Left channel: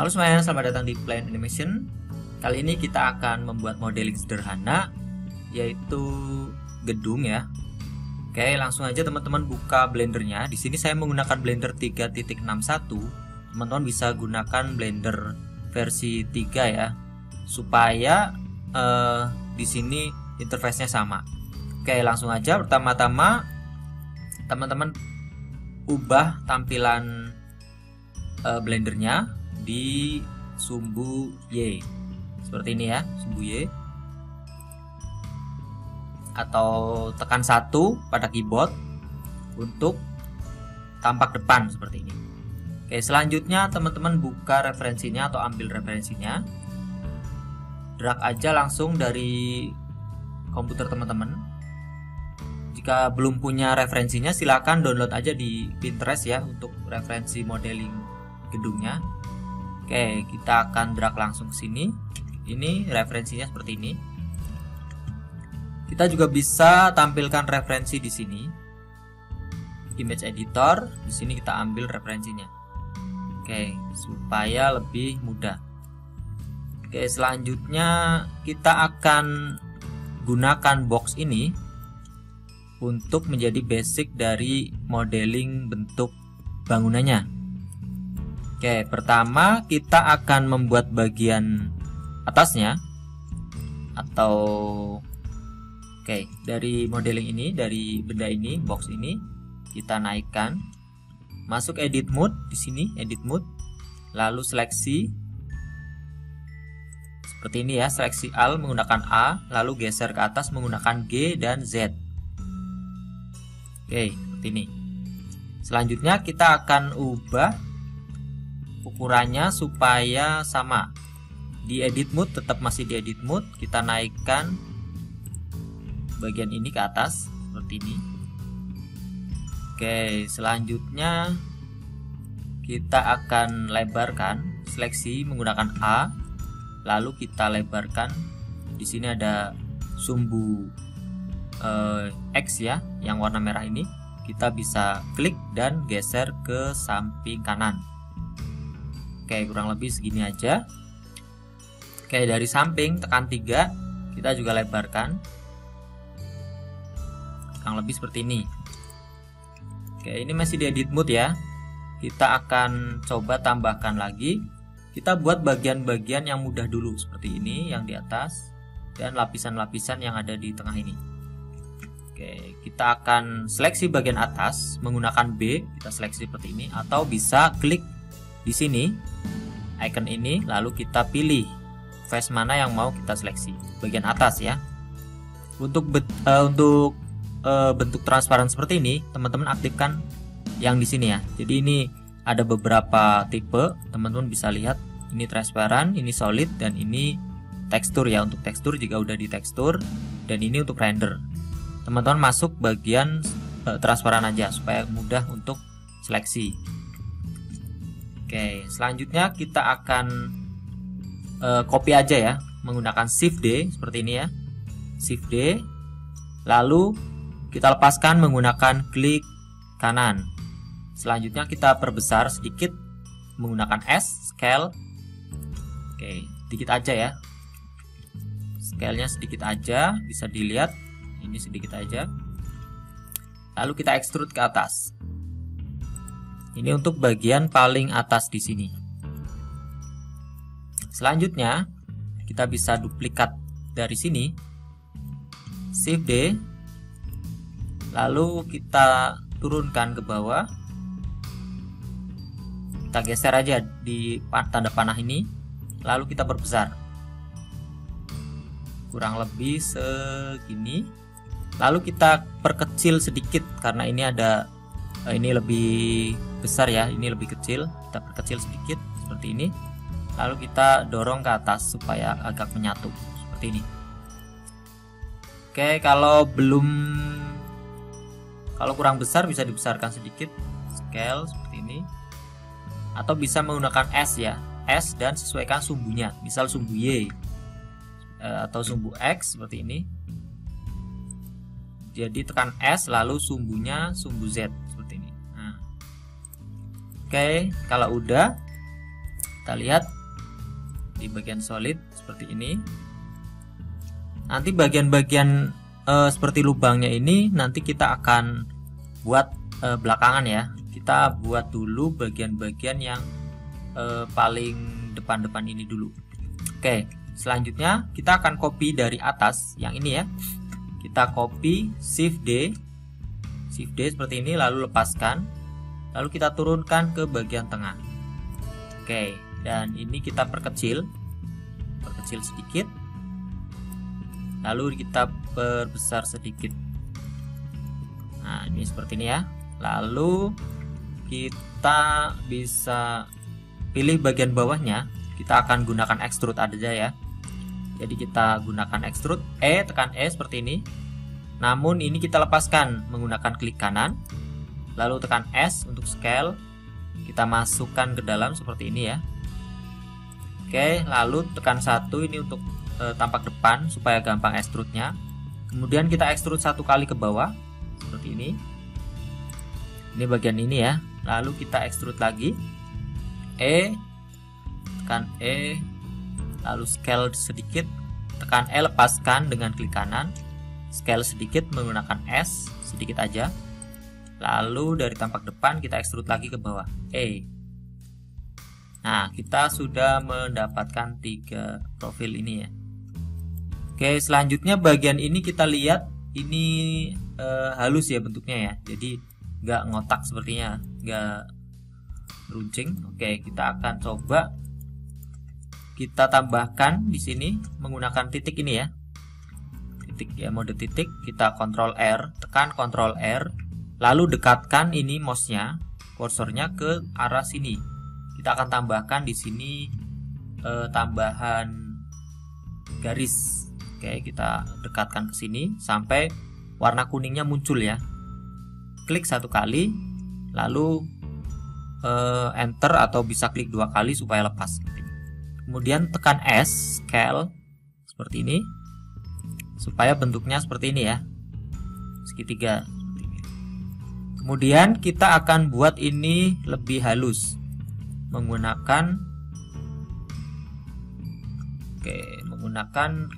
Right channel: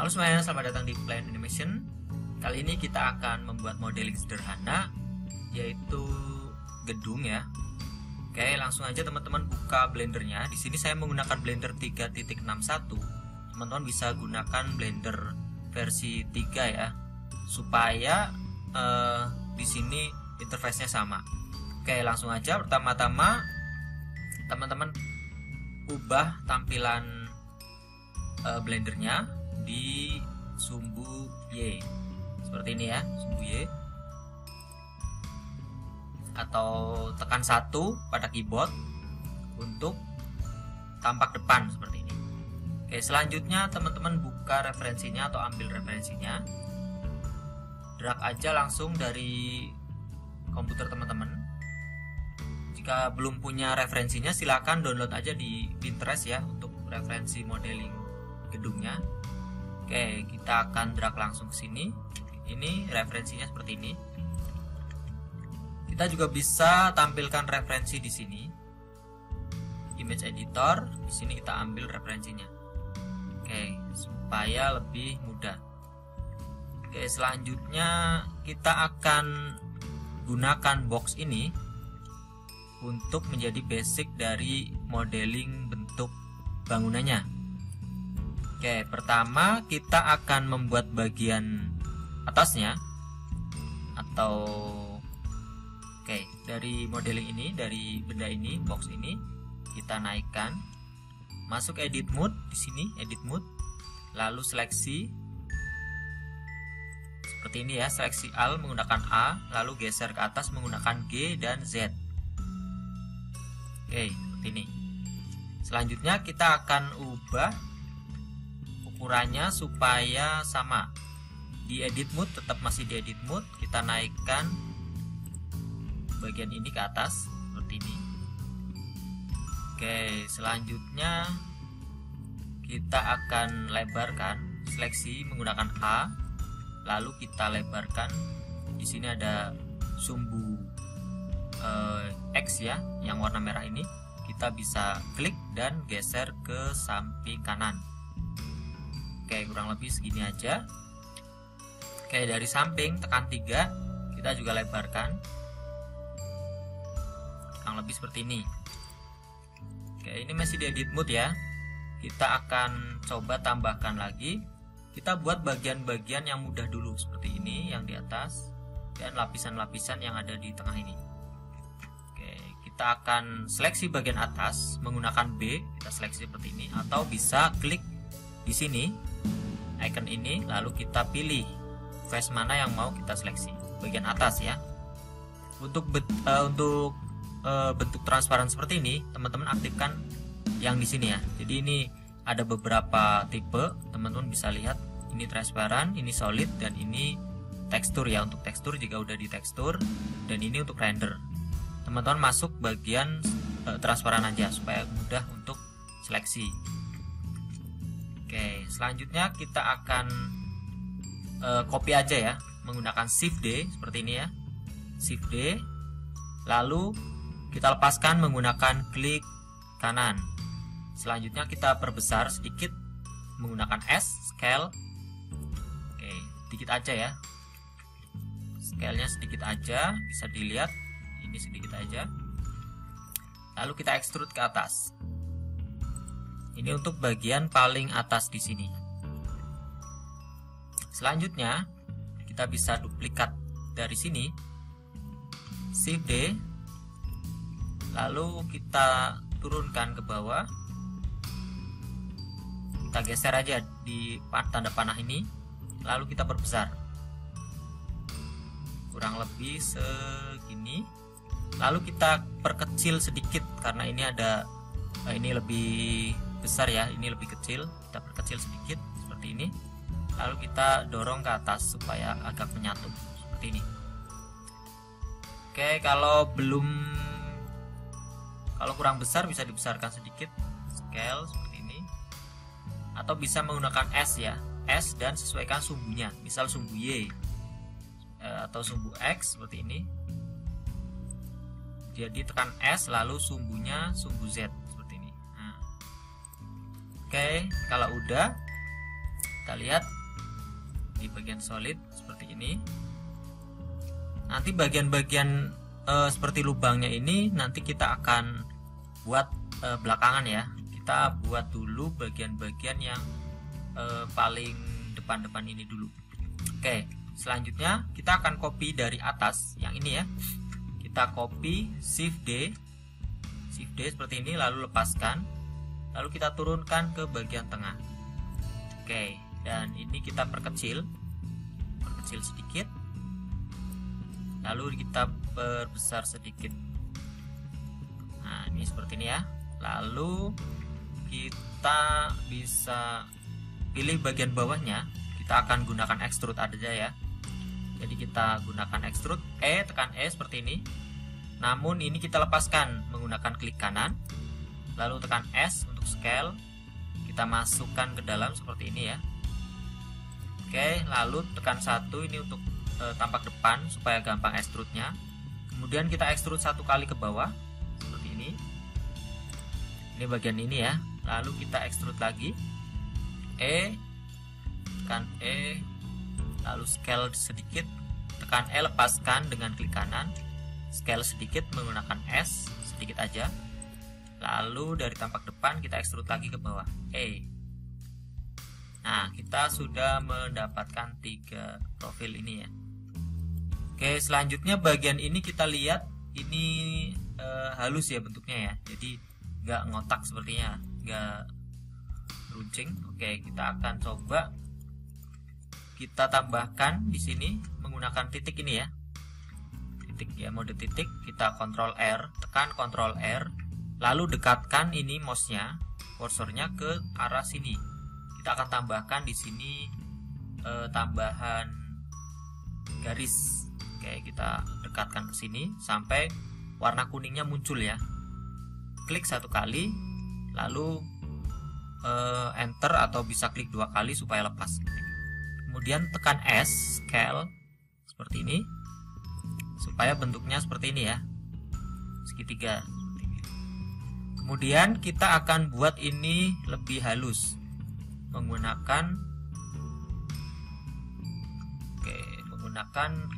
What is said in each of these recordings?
Halo semuanya, selamat datang di Plan Animation. Kali ini kita akan membuat modeling sederhana, yaitu gedung ya. Oke, langsung aja teman-teman buka Blendernya. Di sini saya menggunakan Blender 3.61. Teman-teman bisa gunakan Blender versi 3 ya, supaya di sini interface-nya sama. Oke, langsung aja. Pertama-tama teman-teman ubah tampilan Blendernya di sumbu Y seperti ini ya, sumbu Y, atau tekan 1 pada keyboard untuk tampak depan seperti ini. Oke, selanjutnya teman-teman buka referensinya atau ambil referensinya, drag aja langsung dari komputer teman-teman. Jika belum punya referensinya, silakan download aja di Pinterest ya untuk referensi modeling gedungnya. Oke, kita akan drag langsung ke sini. Ini referensinya seperti ini. Kita juga bisa tampilkan referensi di sini. Image editor, di sini kita ambil referensinya. Oke, supaya lebih mudah. Oke, selanjutnya kita akan gunakan box ini untuk menjadi basic dari modeling bentuk bangunannya. Oke, pertama kita akan membuat bagian atasnya atau dari modeling ini, dari benda ini, box ini kita naikkan, masuk edit mode, di sini edit mode, lalu seleksi seperti ini ya, seleksi Alt menggunakan A, lalu geser ke atas menggunakan G dan Z. Oke, ini. Selanjutnya kita akan ubah ukurannya supaya sama. Di edit mode tetap masih di edit mode, kita naikkan bagian ini ke atas seperti ini. Oke, selanjutnya kita akan lebarkan, seleksi menggunakan A, lalu kita lebarkan. Di sini ada sumbu X ya, yang warna merah ini. Kita bisa klik dan geser ke samping kanan. Oke, kurang lebih segini aja. Oke, dari samping tekan 3, kita juga lebarkan kurang lebih seperti ini. Oke, ini masih di edit mode ya. Kita akan coba tambahkan lagi. Kita buat bagian-bagian yang mudah dulu seperti ini, yang di atas, dan lapisan-lapisan yang ada di tengah ini. Oke, kita akan seleksi bagian atas menggunakan B, kita seleksi seperti ini, atau bisa klik di sini icon ini, lalu kita pilih face mana yang mau kita seleksi, bagian atas ya. Untuk bentuk transparan seperti ini, teman-teman aktifkan yang di sini ya. Jadi ini ada beberapa tipe, teman-teman bisa lihat. Ini transparan, ini solid, dan ini tekstur ya. Untuk tekstur jika udah di tekstur, dan ini untuk render. Teman-teman masuk bagian transparan aja supaya mudah untuk seleksi. Oke, selanjutnya kita akan copy aja ya, menggunakan Shift D seperti ini ya, Shift D, lalu kita lepaskan menggunakan klik kanan. Selanjutnya kita perbesar sedikit menggunakan S, scale. Oke, sedikit aja ya, scale-nya sedikit aja, bisa dilihat ini sedikit aja. Lalu kita extrude ke atas. Ini untuk bagian paling atas di sini. Selanjutnya kita bisa duplikat dari sini, Shift D, lalu kita turunkan ke bawah. Kita geser aja di tanda panah ini, lalu kita perbesar kurang lebih segini. Lalu kita perkecil sedikit karena ini ada ini lebih besar ya, ini lebih kecil. Kita perkecil sedikit seperti ini, lalu kita dorong ke atas supaya agak menyatu seperti ini. Oke, kalau kurang besar bisa dibesarkan sedikit, scale seperti ini, atau bisa menggunakan S ya, S, dan sesuaikan sumbunya, misal sumbu Y atau sumbu X seperti ini. Jadi tekan S, lalu sumbunya sumbu Z seperti ini. Nah, oke, kalau udah Kita lihat di bagian solid seperti ini. Nanti bagian-bagian seperti lubangnya ini nanti kita akan buat belakangan ya. Kita buat dulu bagian-bagian yang paling depan-depan ini dulu. Oke, selanjutnya kita akan copy dari atas yang ini ya. Kita copy Shift D seperti ini, lalu lepaskan, lalu kita turunkan ke bagian tengah. Oke, dan ini kita perkecil sedikit, lalu kita perbesar sedikit. Nah, ini seperti ini ya. Lalu kita bisa pilih bagian bawahnya, kita akan gunakan extrude aja ya. Jadi kita gunakan extrude, tekan E seperti ini. Namun ini kita lepaskan menggunakan klik kanan, lalu tekan S untuk scale. Kita masukkan ke dalam seperti ini ya. Oke, lalu tekan 1 ini untuk tampak depan supaya gampang extrude-nya. Kemudian kita extrude 1 kali ke bawah seperti ini. Ini bagian ini ya. Lalu kita extrude lagi. Tekan E, lalu scale sedikit, tekan E, lepaskan dengan klik kanan. Scale sedikit menggunakan S, sedikit aja. Lalu dari tampak depan kita extrude lagi ke bawah, Nah, kita sudah mendapatkan 3 profil ini ya. Oke, selanjutnya bagian ini kita lihat ini halus ya bentuknya ya. Jadi nggak ngotak sepertinya, nggak runcing. Oke, kita akan coba kita tambahkan di sini menggunakan titik ini ya. Ya, mode titik, kita Ctrl R, tekan Ctrl R, lalu dekatkan ini mouse-nya, kursornya ke arah sini. Kita akan tambahkan di sini tambahan garis. Oke, kita dekatkan ke sini sampai warna kuningnya muncul ya. Klik 1 kali, lalu enter atau bisa klik 2 kali supaya lepas. Kemudian tekan S, scale seperti ini. Supaya bentuknya seperti ini ya, segitiga. Kemudian kita akan buat ini lebih halus menggunakan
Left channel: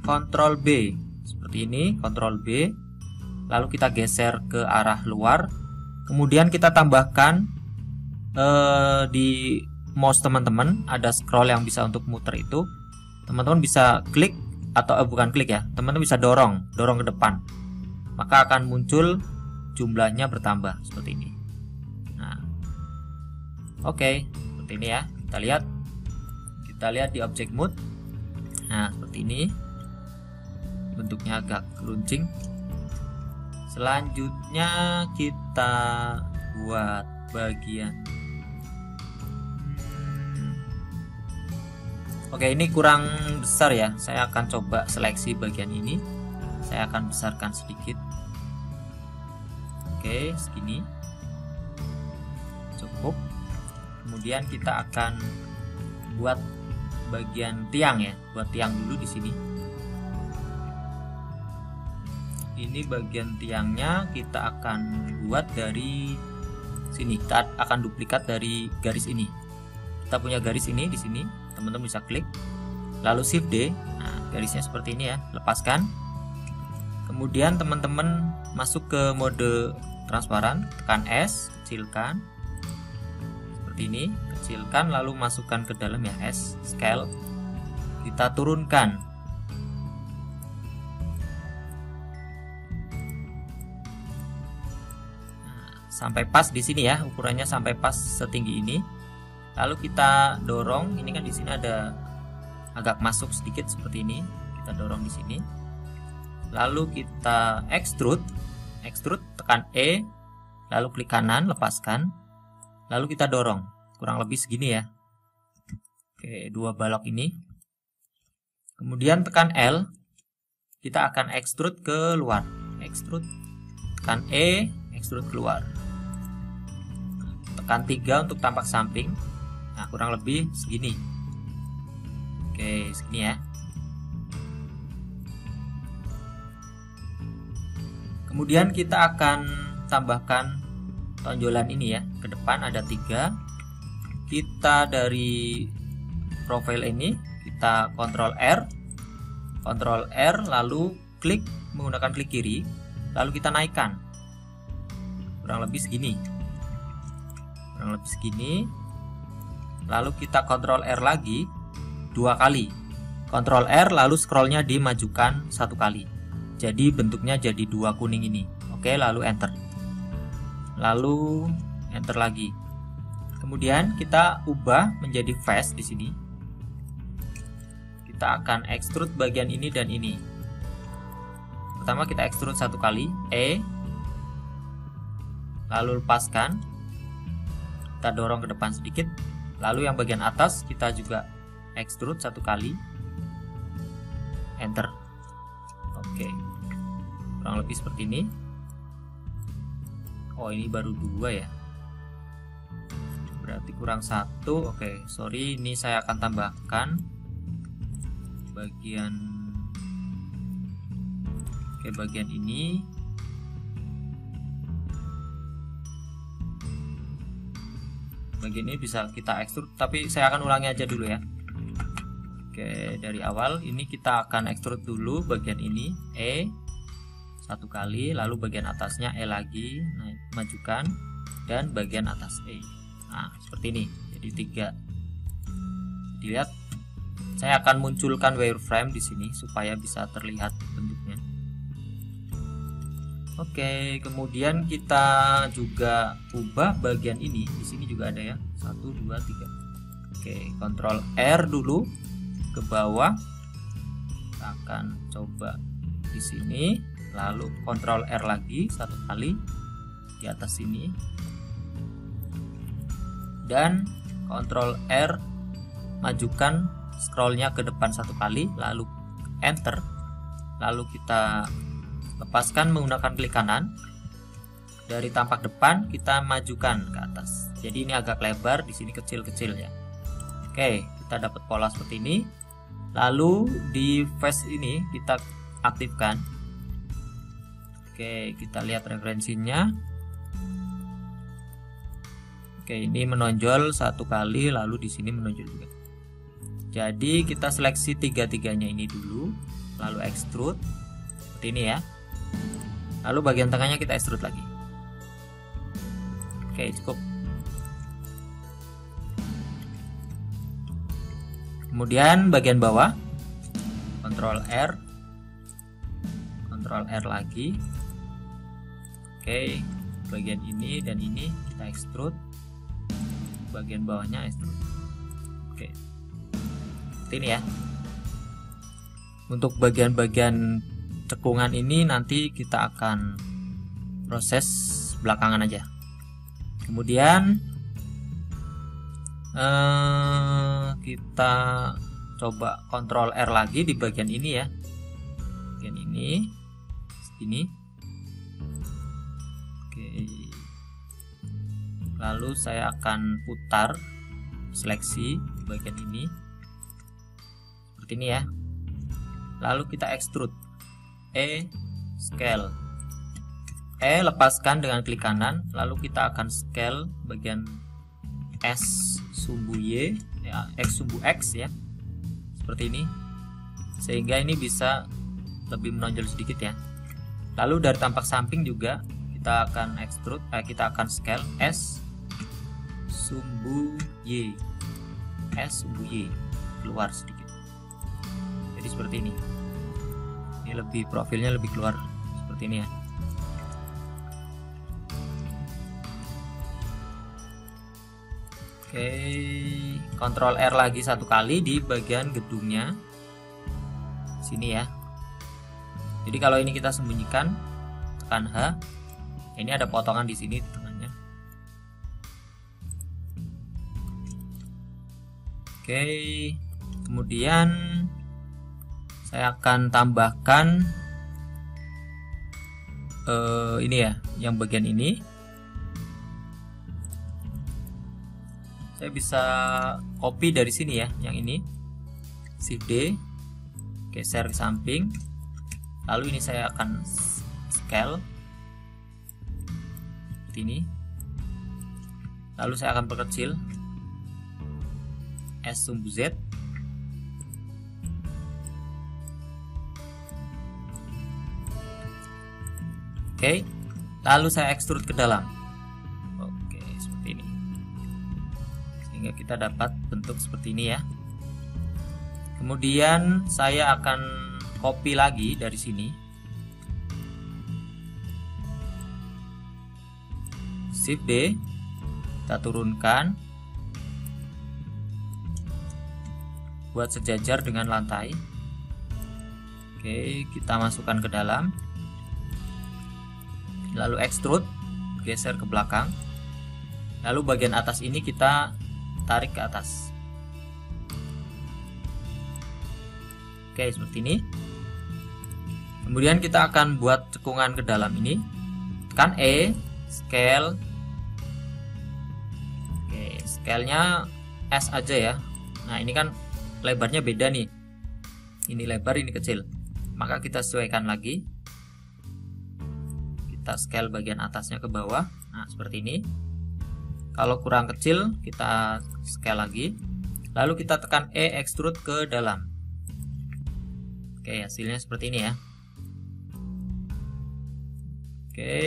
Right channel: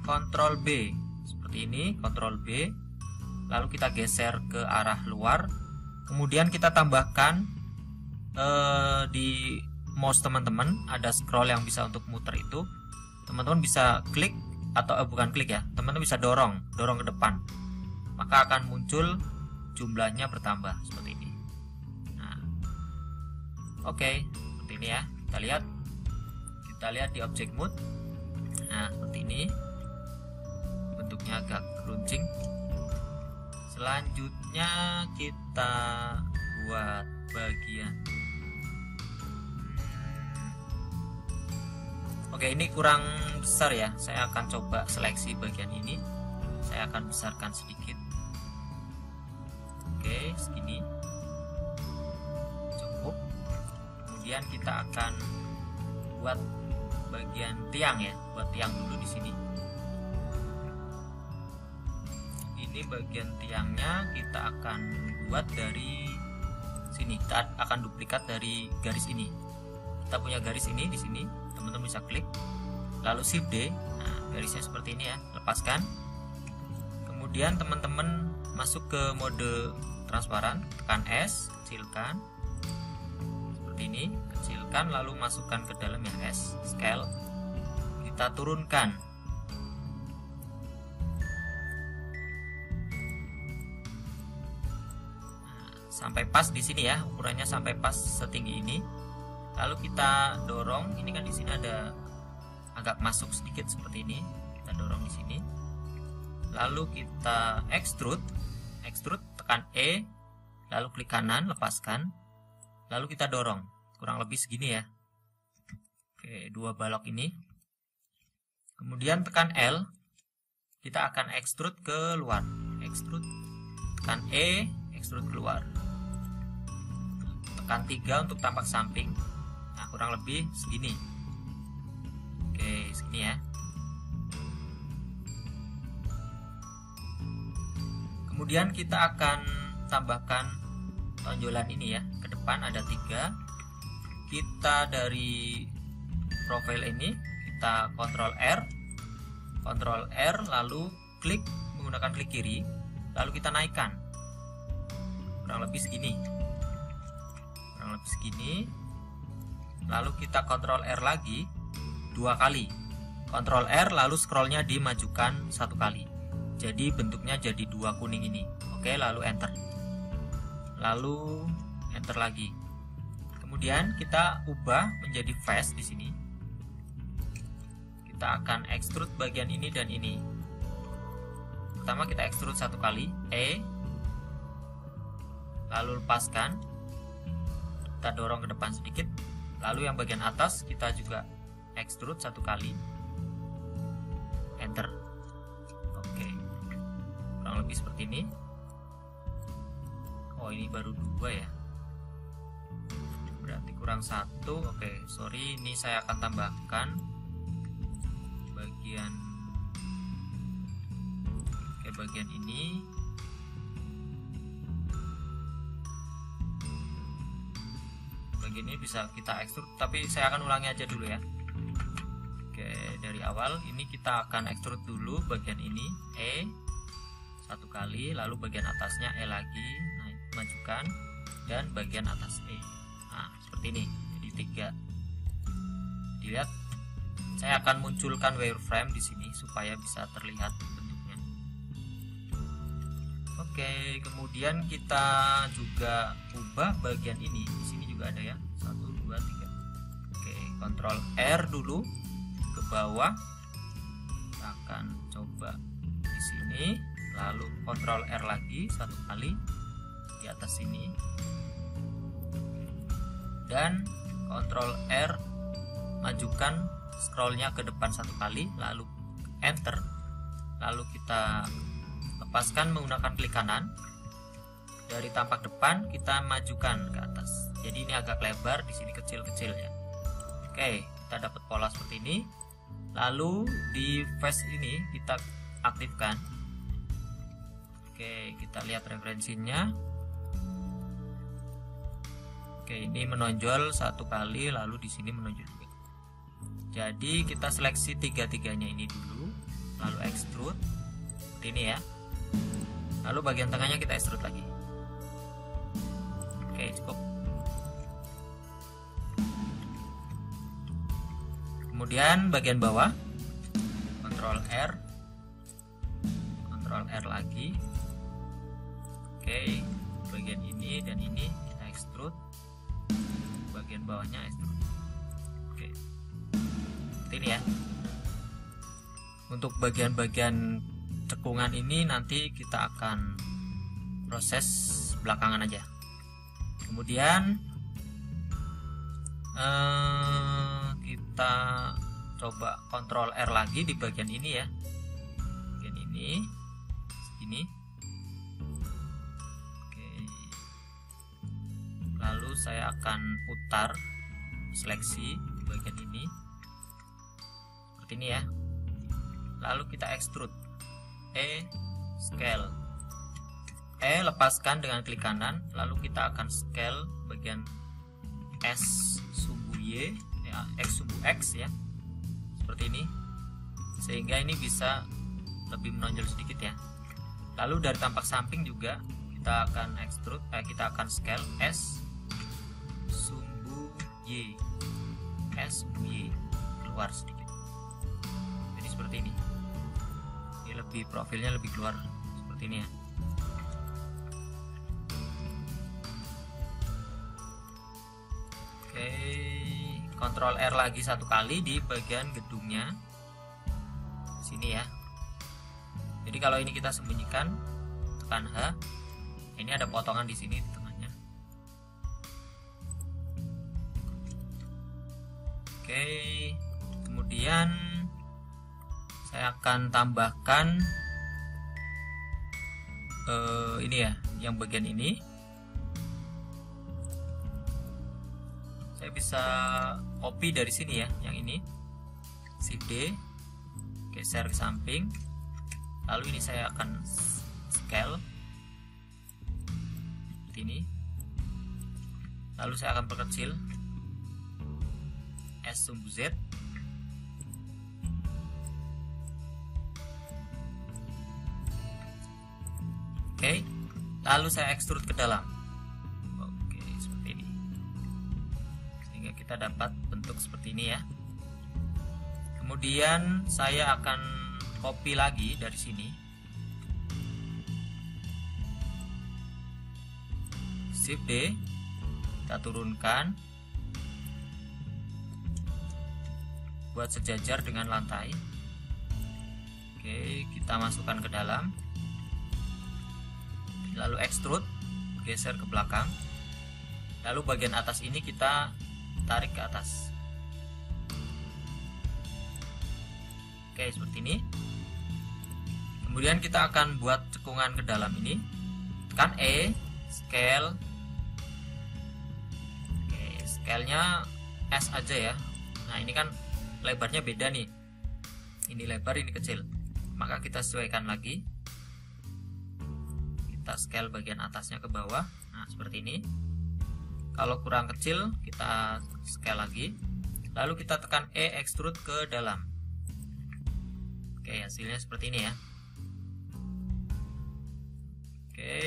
Ctrl B seperti ini, Ctrl B, lalu kita geser ke arah luar. Kemudian kita tambahkan di mouse teman-teman ada scroll yang bisa untuk muter itu. Teman-teman bisa klik atau bukan klik ya, teman-teman bisa dorong ke depan, maka akan muncul jumlahnya bertambah seperti ini. Nah, oke, seperti ini ya. Kita lihat di object mode. Nah, seperti ini bentuknya agak runcing. Selanjutnya kita buat bagian. Oke, ini kurang besar ya. Saya akan coba seleksi bagian ini. Saya akan besarkan sedikit. Oke, segini. Cukup. Kemudian kita akan buat bagian tiang ya. Buat tiang dulu di sini. Ini bagian tiangnya kita akan buat dari sini. Kita akan duplikat dari garis ini. Kita punya garis ini di sini. Teman-teman bisa klik, lalu Shift D. Nah, garisnya seperti ini ya, lepaskan. Kemudian teman-teman masuk ke mode transparan, tekan S, kecilkan seperti ini, kecilkan, lalu masukkan ke dalam ya, S, scale, kita turunkan. Sampai pas di sini ya, ukurannya sampai pas setinggi ini. Lalu kita dorong, ini kan di sini ada agak masuk sedikit seperti ini. Kita dorong di sini. Lalu kita extrude, tekan E, lalu klik kanan, lepaskan. Lalu kita dorong, kurang lebih segini ya. Oke, 2 balok ini. Kemudian tekan L, kita akan extrude ke luar. Extrude, tekan E, extrude keluar. Tekan 3 untuk tampak samping. Nah, kurang lebih segini. Oke, segini ya. Kemudian kita akan tambahkan tonjolan ini ya. Ke depan ada 3. Kita dari profil ini, kita Ctrl R, lalu klik menggunakan klik kiri, lalu kita naikkan kurang lebih segini, lalu kita Ctrl R lagi 2 kali, Ctrl R lalu scrollnya dimajukan 1 kali, jadi bentuknya jadi 2 kuning ini. Oke, lalu enter, lalu enter lagi. Kemudian kita ubah menjadi face di sini. Kita akan extrude bagian ini dan ini. Pertama kita extrude 1 kali, lalu lepaskan. Kita dorong ke depan sedikit. Lalu yang bagian atas kita juga extrude 1 kali. Enter. Oke. Kurang lebih seperti ini. Oh, ini baru 2 ya. Berarti kurang 1. Oke, sorry, ini saya akan tambahkan bagian ini. Bagian ini bisa kita ekstrud, tapi saya akan ulangi aja dulu ya. Oke, dari awal ini kita akan ekstrud dulu bagian ini, 1 kali, lalu bagian atasnya lagi, naik, majukan, dan bagian atas Nah, seperti ini, jadi 3. Dilihat, saya akan munculkan wireframe di sini supaya bisa terlihat bentuknya. Oke, kemudian kita juga ubah bagian ini. Di sini juga ada ya, 1, 2, 3. Oke, Ctrl R dulu ke bawah. Kita akan coba di sini, lalu Ctrl R lagi 1 kali di atas sini, dan Ctrl R majukan scrollnya ke depan 1 kali, lalu enter, lalu kita lepaskan menggunakan klik kanan. Dari tampak depan kita majukan ke atas, jadi ini agak lebar, di sini kecil-kecil ya. Oke, kita dapat pola seperti ini. Lalu di face ini kita aktifkan. Oke, kita lihat referensinya. Oke, ini menonjol 1 kali, lalu di sini menonjol juga. Jadi kita seleksi 3-3-nya ini dulu, lalu extrude seperti ini ya. Lalu bagian tengahnya kita extrude lagi. Oke, cukup. Kemudian bagian bawah, Ctrl R lagi. Oke, bagian ini dan ini kita extrude. Bagian bawahnya extrude. Oke. Ini ya. Untuk bagian-bagian cekungan ini nanti kita akan proses belakangan aja. Kemudian kita coba Ctrl R lagi di bagian ini ya. Bagian ini, segini. Oke. Lalu saya akan putar seleksi di bagian ini. Ini ya, lalu kita extrude, scale, lepaskan dengan klik kanan, lalu kita akan scale bagian S sumbu Y ya, X sumbu X ya, seperti ini, sehingga ini bisa lebih menonjol sedikit ya. Lalu dari tampak samping juga kita akan extrude, kita akan scale S sumbu Y, keluar sedikit. Seperti ini lebih profilnya lebih keluar seperti ini ya. Oke, Ctrl R lagi 1 kali di bagian gedungnya sini ya. Jadi kalau ini kita sembunyikan, tekan H, ini ada potongan di sini temannya. Oke, kemudian saya akan tambahkan ini ya, yang bagian ini. Saya bisa copy dari sini ya, yang ini, Shift D, geser ke samping. Lalu ini saya akan scale seperti ini. Lalu saya akan perkecil S sumbu Z. Oke, lalu saya ekstrud ke dalam. Oke, seperti ini. Sehingga kita dapat bentuk seperti ini ya. Kemudian saya akan copy lagi dari sini. Shift D, kita turunkan buat sejajar dengan lantai. Oke, kita masukkan ke dalam, lalu extrude, geser ke belakang, lalu bagian atas ini kita tarik ke atas. Oke, seperti ini. Kemudian kita akan buat cekungan ke dalam ini, tekan E, scale. Oke, scale-nya S aja ya. Nah, ini kan lebarnya beda nih. Ini lebar, ini kecil. Maka kita sesuaikan lagi. Kita scale bagian atasnya ke bawah. Nah, seperti ini. Kalau kurang kecil, kita scale lagi. Lalu kita tekan E, extrude ke dalam. Oke, hasilnya seperti ini ya. Oke.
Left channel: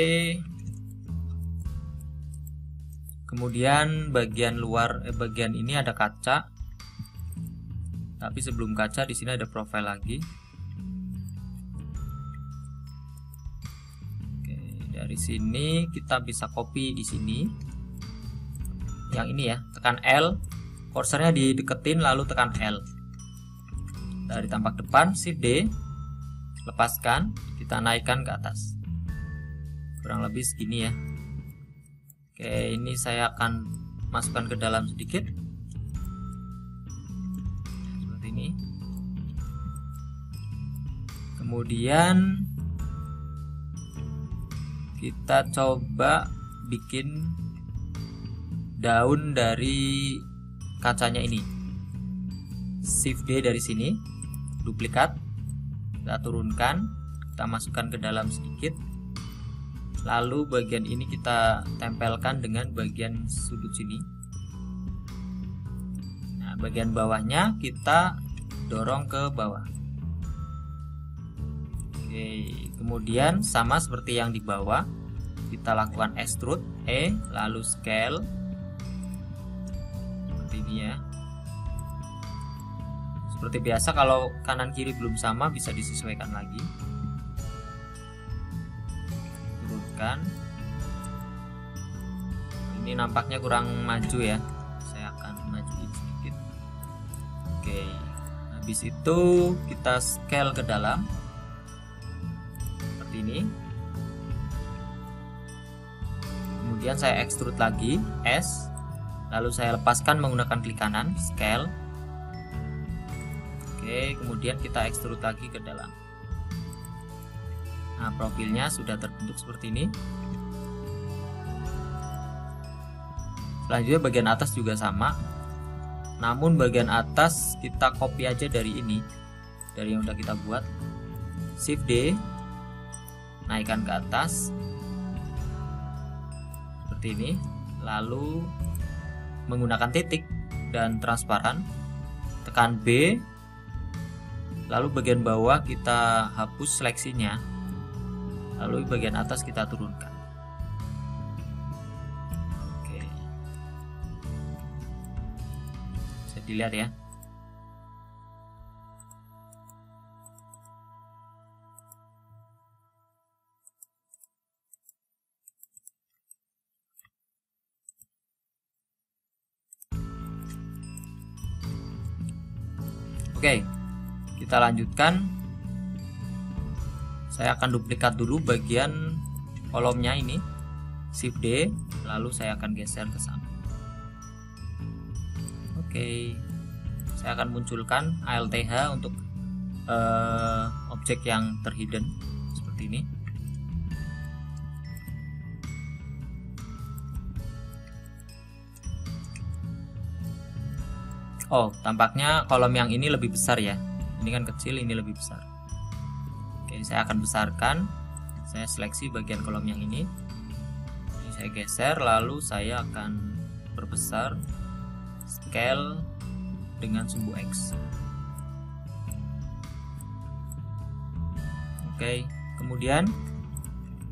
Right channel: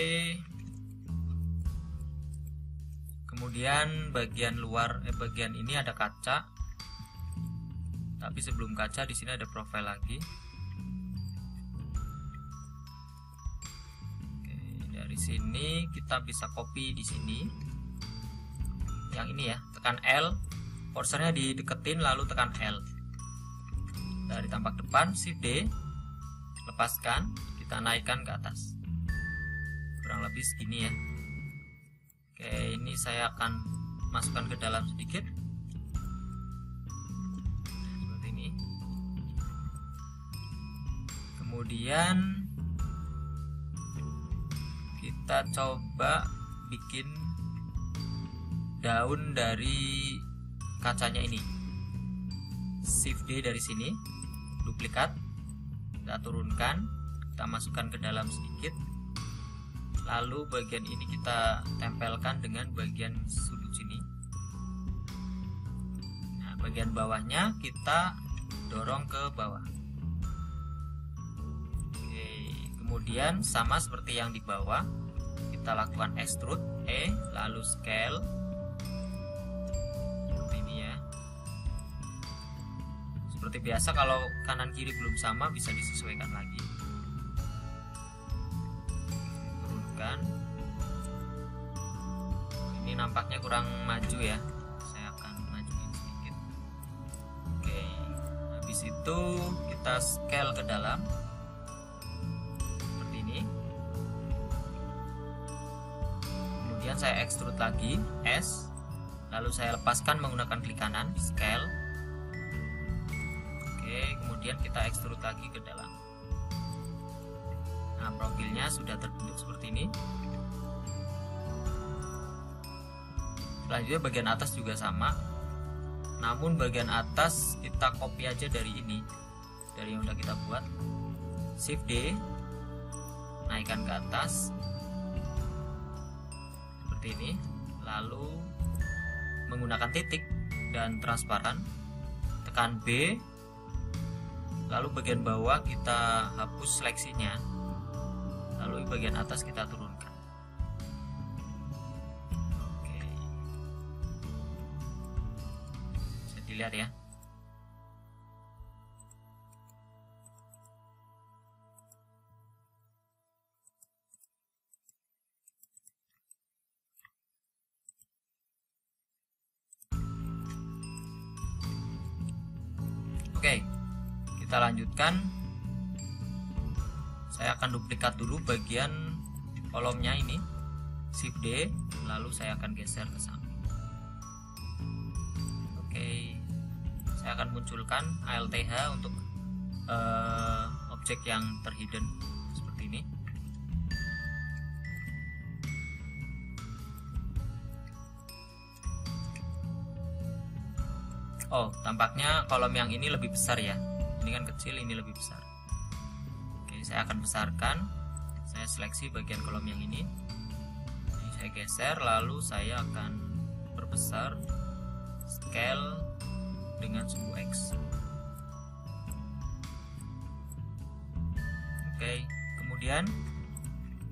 Kemudian bagian luar, bagian ini ada kaca. Tapi sebelum kaca di sini ada profil lagi. Oke, dari sini kita bisa copy di sini. Yang ini ya, tekan L, kursornya dideketin lalu tekan L. Dari tampak depan, Shift D, lepaskan, kita naikkan ke atas. Kurang lebih segini ya. Oke, ini saya akan masukkan ke dalam sedikit. Seperti ini. Kemudian kita coba bikin daun dari kacanya ini. Shift D dari sini, duplikat, kita turunkan, kita masukkan ke dalam sedikit. Lalu bagian ini kita tempelkan dengan bagian sudut sini. Nah, bagian bawahnya kita dorong ke bawah. Oke, kemudian sama seperti yang di bawah, kita lakukan extrude E, lalu scale. Seperti ini ya. Seperti biasa, kalau kanan kiri belum sama bisa disesuaikan lagi. Ini nampaknya kurang maju ya, saya akan maju sedikit. Oke, habis itu kita scale ke dalam seperti ini. Kemudian saya extrude lagi S, lalu saya lepaskan menggunakan klik kanan, scale. Oke, kemudian kita extrude lagi ke dalam. Nah, profilnya sudah terbentuk seperti ini. Selanjutnya bagian atas juga sama. Namun bagian atas kita copy aja dari ini, dari yang udah kita buat. Shift D, naikkan ke atas seperti ini. Lalu menggunakan titik dan transparan, tekan B. Lalu bagian bawah kita hapus seleksinya. Lalu bagian atas kita turunkan. Oke. Bisa dilihat ya. Oke, kita lanjutkan. Saya akan duplikat dulu bagian kolomnya ini, Shift D, lalu saya akan geser ke samping. Oke, saya akan munculkan ALTH untuk objek yang terhidden seperti ini. Oh, tampaknya kolom yang ini lebih besar ya. Ini kan kecil, ini lebih besar. Saya akan besarkan, saya seleksi bagian kolom yang ini, saya geser, lalu saya akan perbesar, scale dengan sumbu X. Oke, kemudian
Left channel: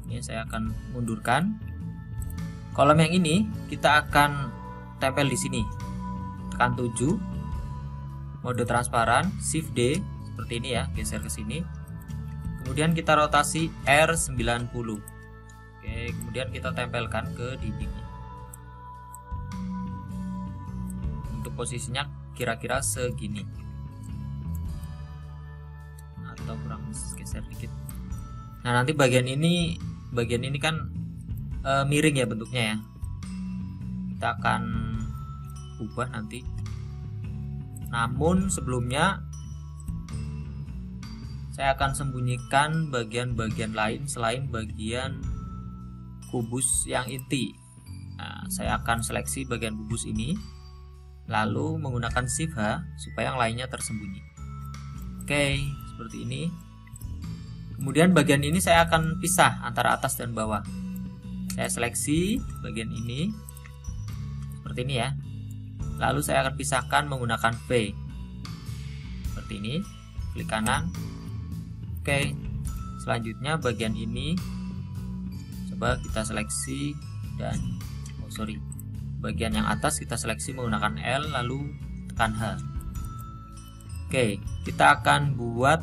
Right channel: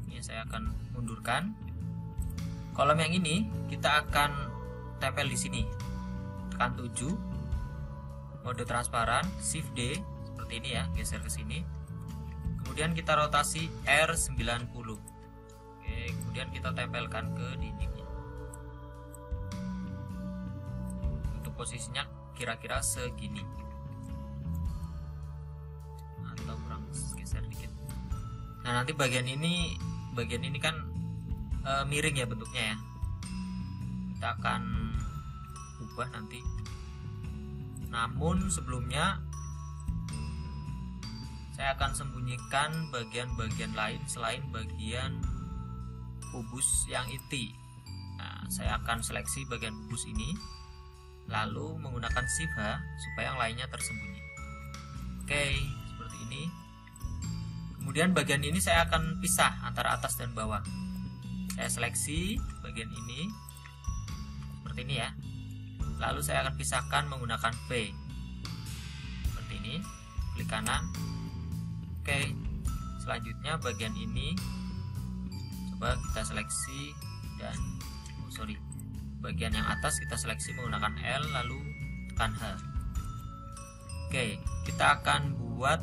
ini saya akan mundurkan. Kolom yang ini kita akan tempel di sini. Tekan 7, mode transparan, Shift D seperti ini ya, geser ke sini. Kemudian kita rotasi R90. Oke, kemudian kita tempelkan ke dinding. Untuk posisinya kira-kira segini. Atau kurang geser dikit. Nah, nanti bagian ini kan miring ya bentuknya ya. Kita akan ubah nanti. Namun sebelumnya saya akan sembunyikan bagian-bagian lain selain bagian kubus yang inti. Nah, saya akan seleksi bagian kubus ini, lalu menggunakan Shift H supaya yang lainnya tersembunyi. Oke, seperti ini. Kemudian bagian ini saya akan pisah antara atas dan bawah. Saya seleksi bagian ini seperti ini ya. Lalu saya akan pisahkan menggunakan V seperti ini, klik kanan. Oke, selanjutnya bagian ini coba kita seleksi dan bagian yang atas kita seleksi menggunakan L lalu tekan H. Oke, kita akan buat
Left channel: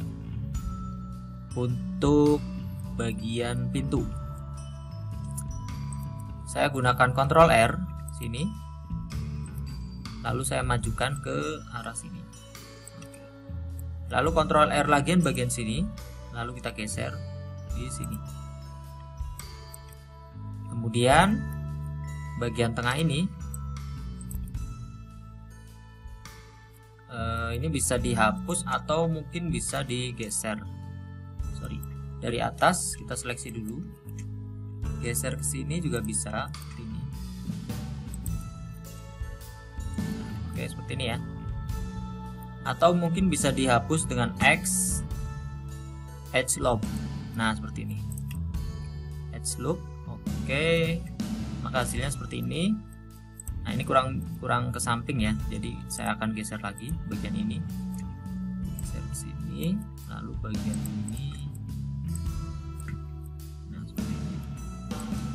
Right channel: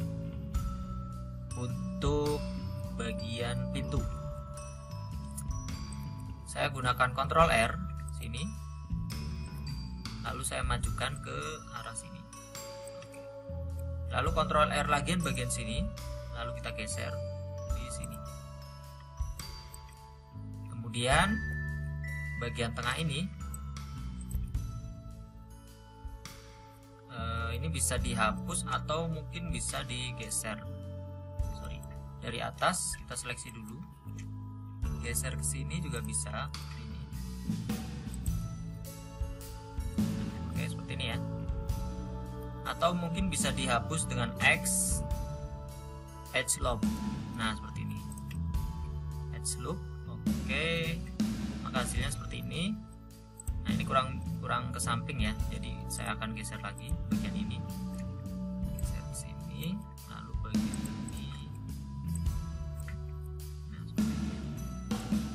untuk bagian pintu. Saya gunakan Ctrl R sini, lalu saya majukan ke arah sini. Lalu Ctrl R lagi bagian sini, lalu kita geser di sini. Kemudian bagian tengah ini bisa dihapus atau mungkin bisa digeser. Dari atas kita seleksi dulu, geser ke sini juga bisa. Oke, seperti ini ya. Atau mungkin bisa dihapus dengan X edge loop. Nah, seperti ini. Edge loop. Oke. Maka hasilnya seperti ini. Nah, ini kurang ke samping ya. Jadi saya akan geser lagi bagian ini. Dari sini, lalu bagian ini.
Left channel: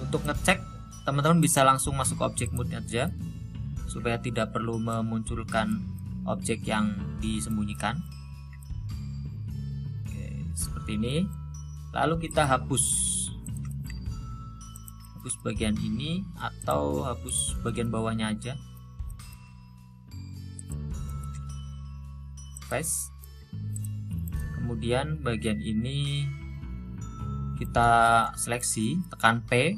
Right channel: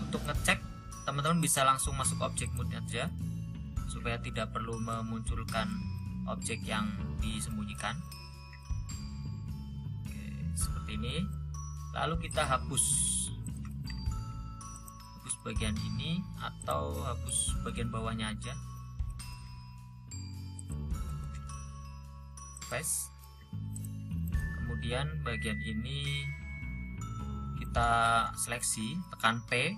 Untuk ngecek, teman-teman bisa langsung masuk ke objek mode aja supaya tidak perlu memunculkan objek yang disembunyikan. Oke, seperti ini. Lalu kita hapus bagian ini atau hapus bagian bawahnya aja. Paste. Kemudian bagian ini kita seleksi, tekan P,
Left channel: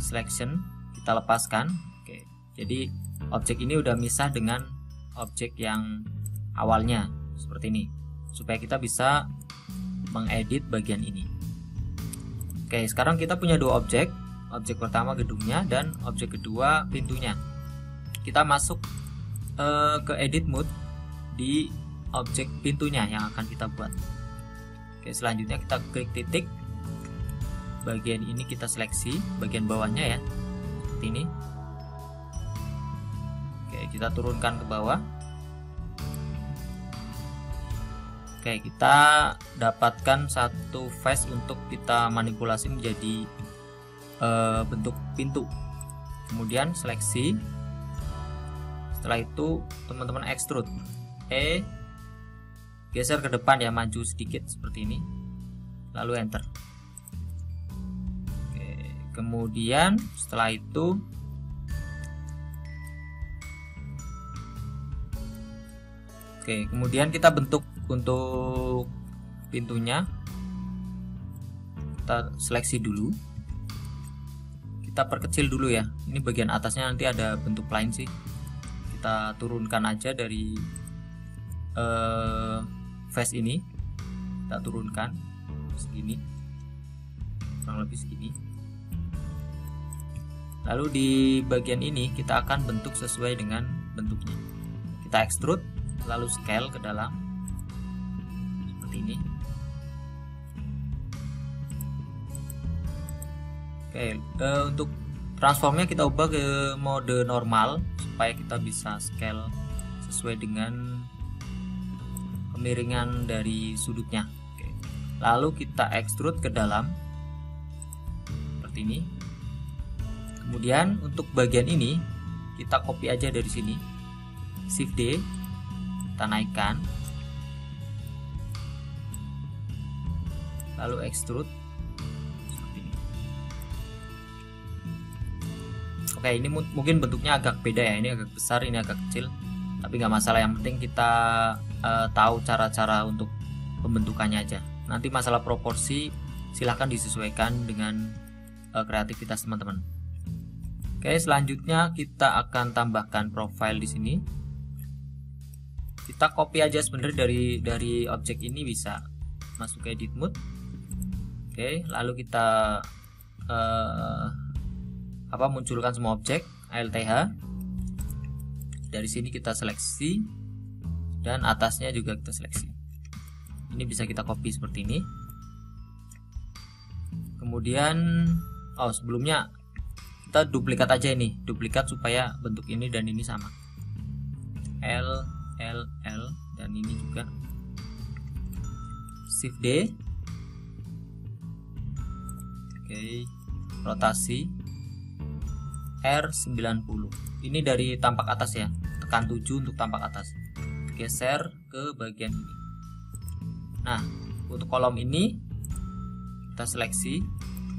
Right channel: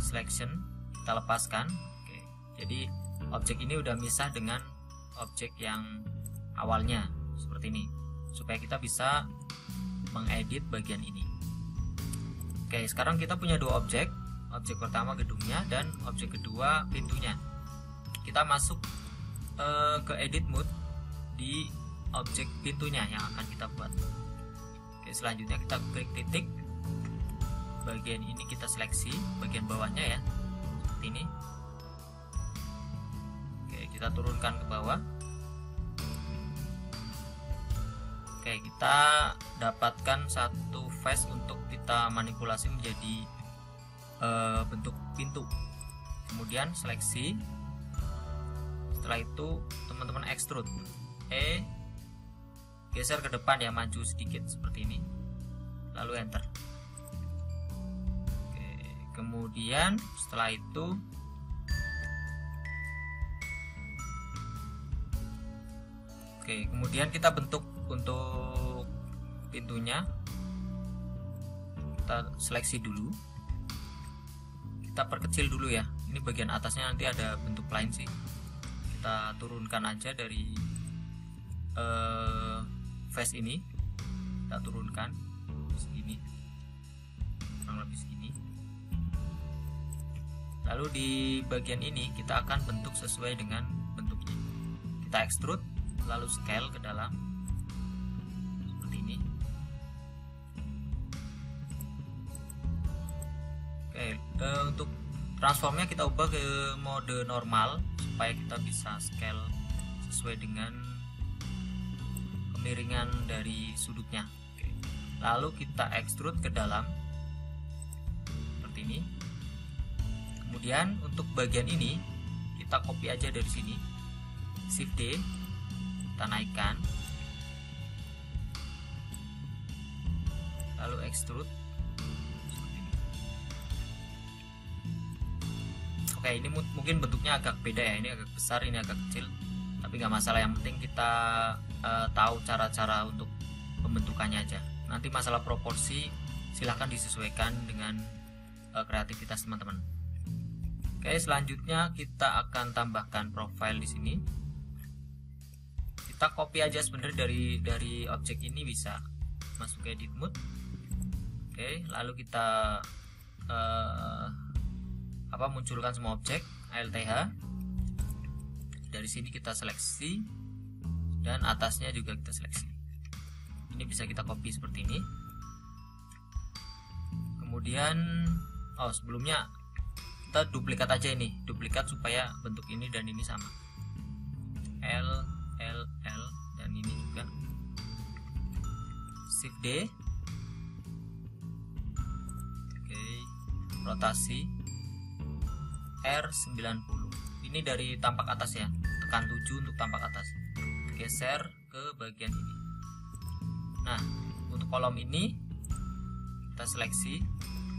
selection, kita lepaskan. Oke, jadi objek ini udah misah dengan objek yang awalnya seperti ini, supaya kita bisa mengedit bagian ini. Oke, sekarang kita punya dua objek. Objek pertama gedungnya dan objek kedua pintunya. Kita masuk ke edit mode di objek pintunya yang akan kita buat. Oke, selanjutnya kita klik titik. Bagian ini kita seleksi, bagian bawahnya ya, seperti ini. Oke, kita turunkan ke bawah. Oke, kita dapatkan satu face untuk kita manipulasi menjadi bentuk pintu. Kemudian seleksi. Setelah itu teman-teman extrude. Geser ke depan ya, maju sedikit seperti ini. Lalu enter. Oke, kemudian setelah itu kemudian kita bentuk untuk pintunya. Kita seleksi dulu, kita perkecil dulu ya. Ini bagian atasnya nanti ada bentuk lain sih, kita turunkan aja dari face ini, kita turunkan segini, kurang lebih segini. Lalu di bagian ini kita akan bentuk sesuai dengan bentuknya. Kita extrude, lalu scale ke dalam seperti ini. Oke, untuk transformnya kita ubah ke mode normal supaya kita bisa scale sesuai dengan kemiringan dari sudutnya. Oke. Lalu kita extrude ke dalam ini. Kemudian untuk bagian ini kita copy aja dari sini, Shift D, kita naikkan, lalu extrude. Oke, ini mungkin bentuknya agak beda ya, ini agak besar, ini agak kecil, tapi nggak masalah, yang penting kita tahu cara-cara untuk pembentukannya aja. Nanti masalah proporsi silahkan disesuaikan dengan kreativitas teman-teman. Oke, selanjutnya kita akan tambahkan profile di sini. Kita copy aja sebenarnya dari objek ini, bisa masuk ke edit mode. Oke, lalu kita munculkan semua objek, ALTH. Dari sini kita seleksi dan atasnya juga kita seleksi. Ini bisa kita copy seperti ini. Kemudian sebelumnya kita duplikat aja ini, duplikat supaya bentuk ini dan ini sama. L dan ini juga. Shift D. Oke, rotasi R90. Ini dari tampak atas ya, tekan 7 untuk tampak atas. Geser ke bagian ini. Nah, untuk kolom ini kita seleksi,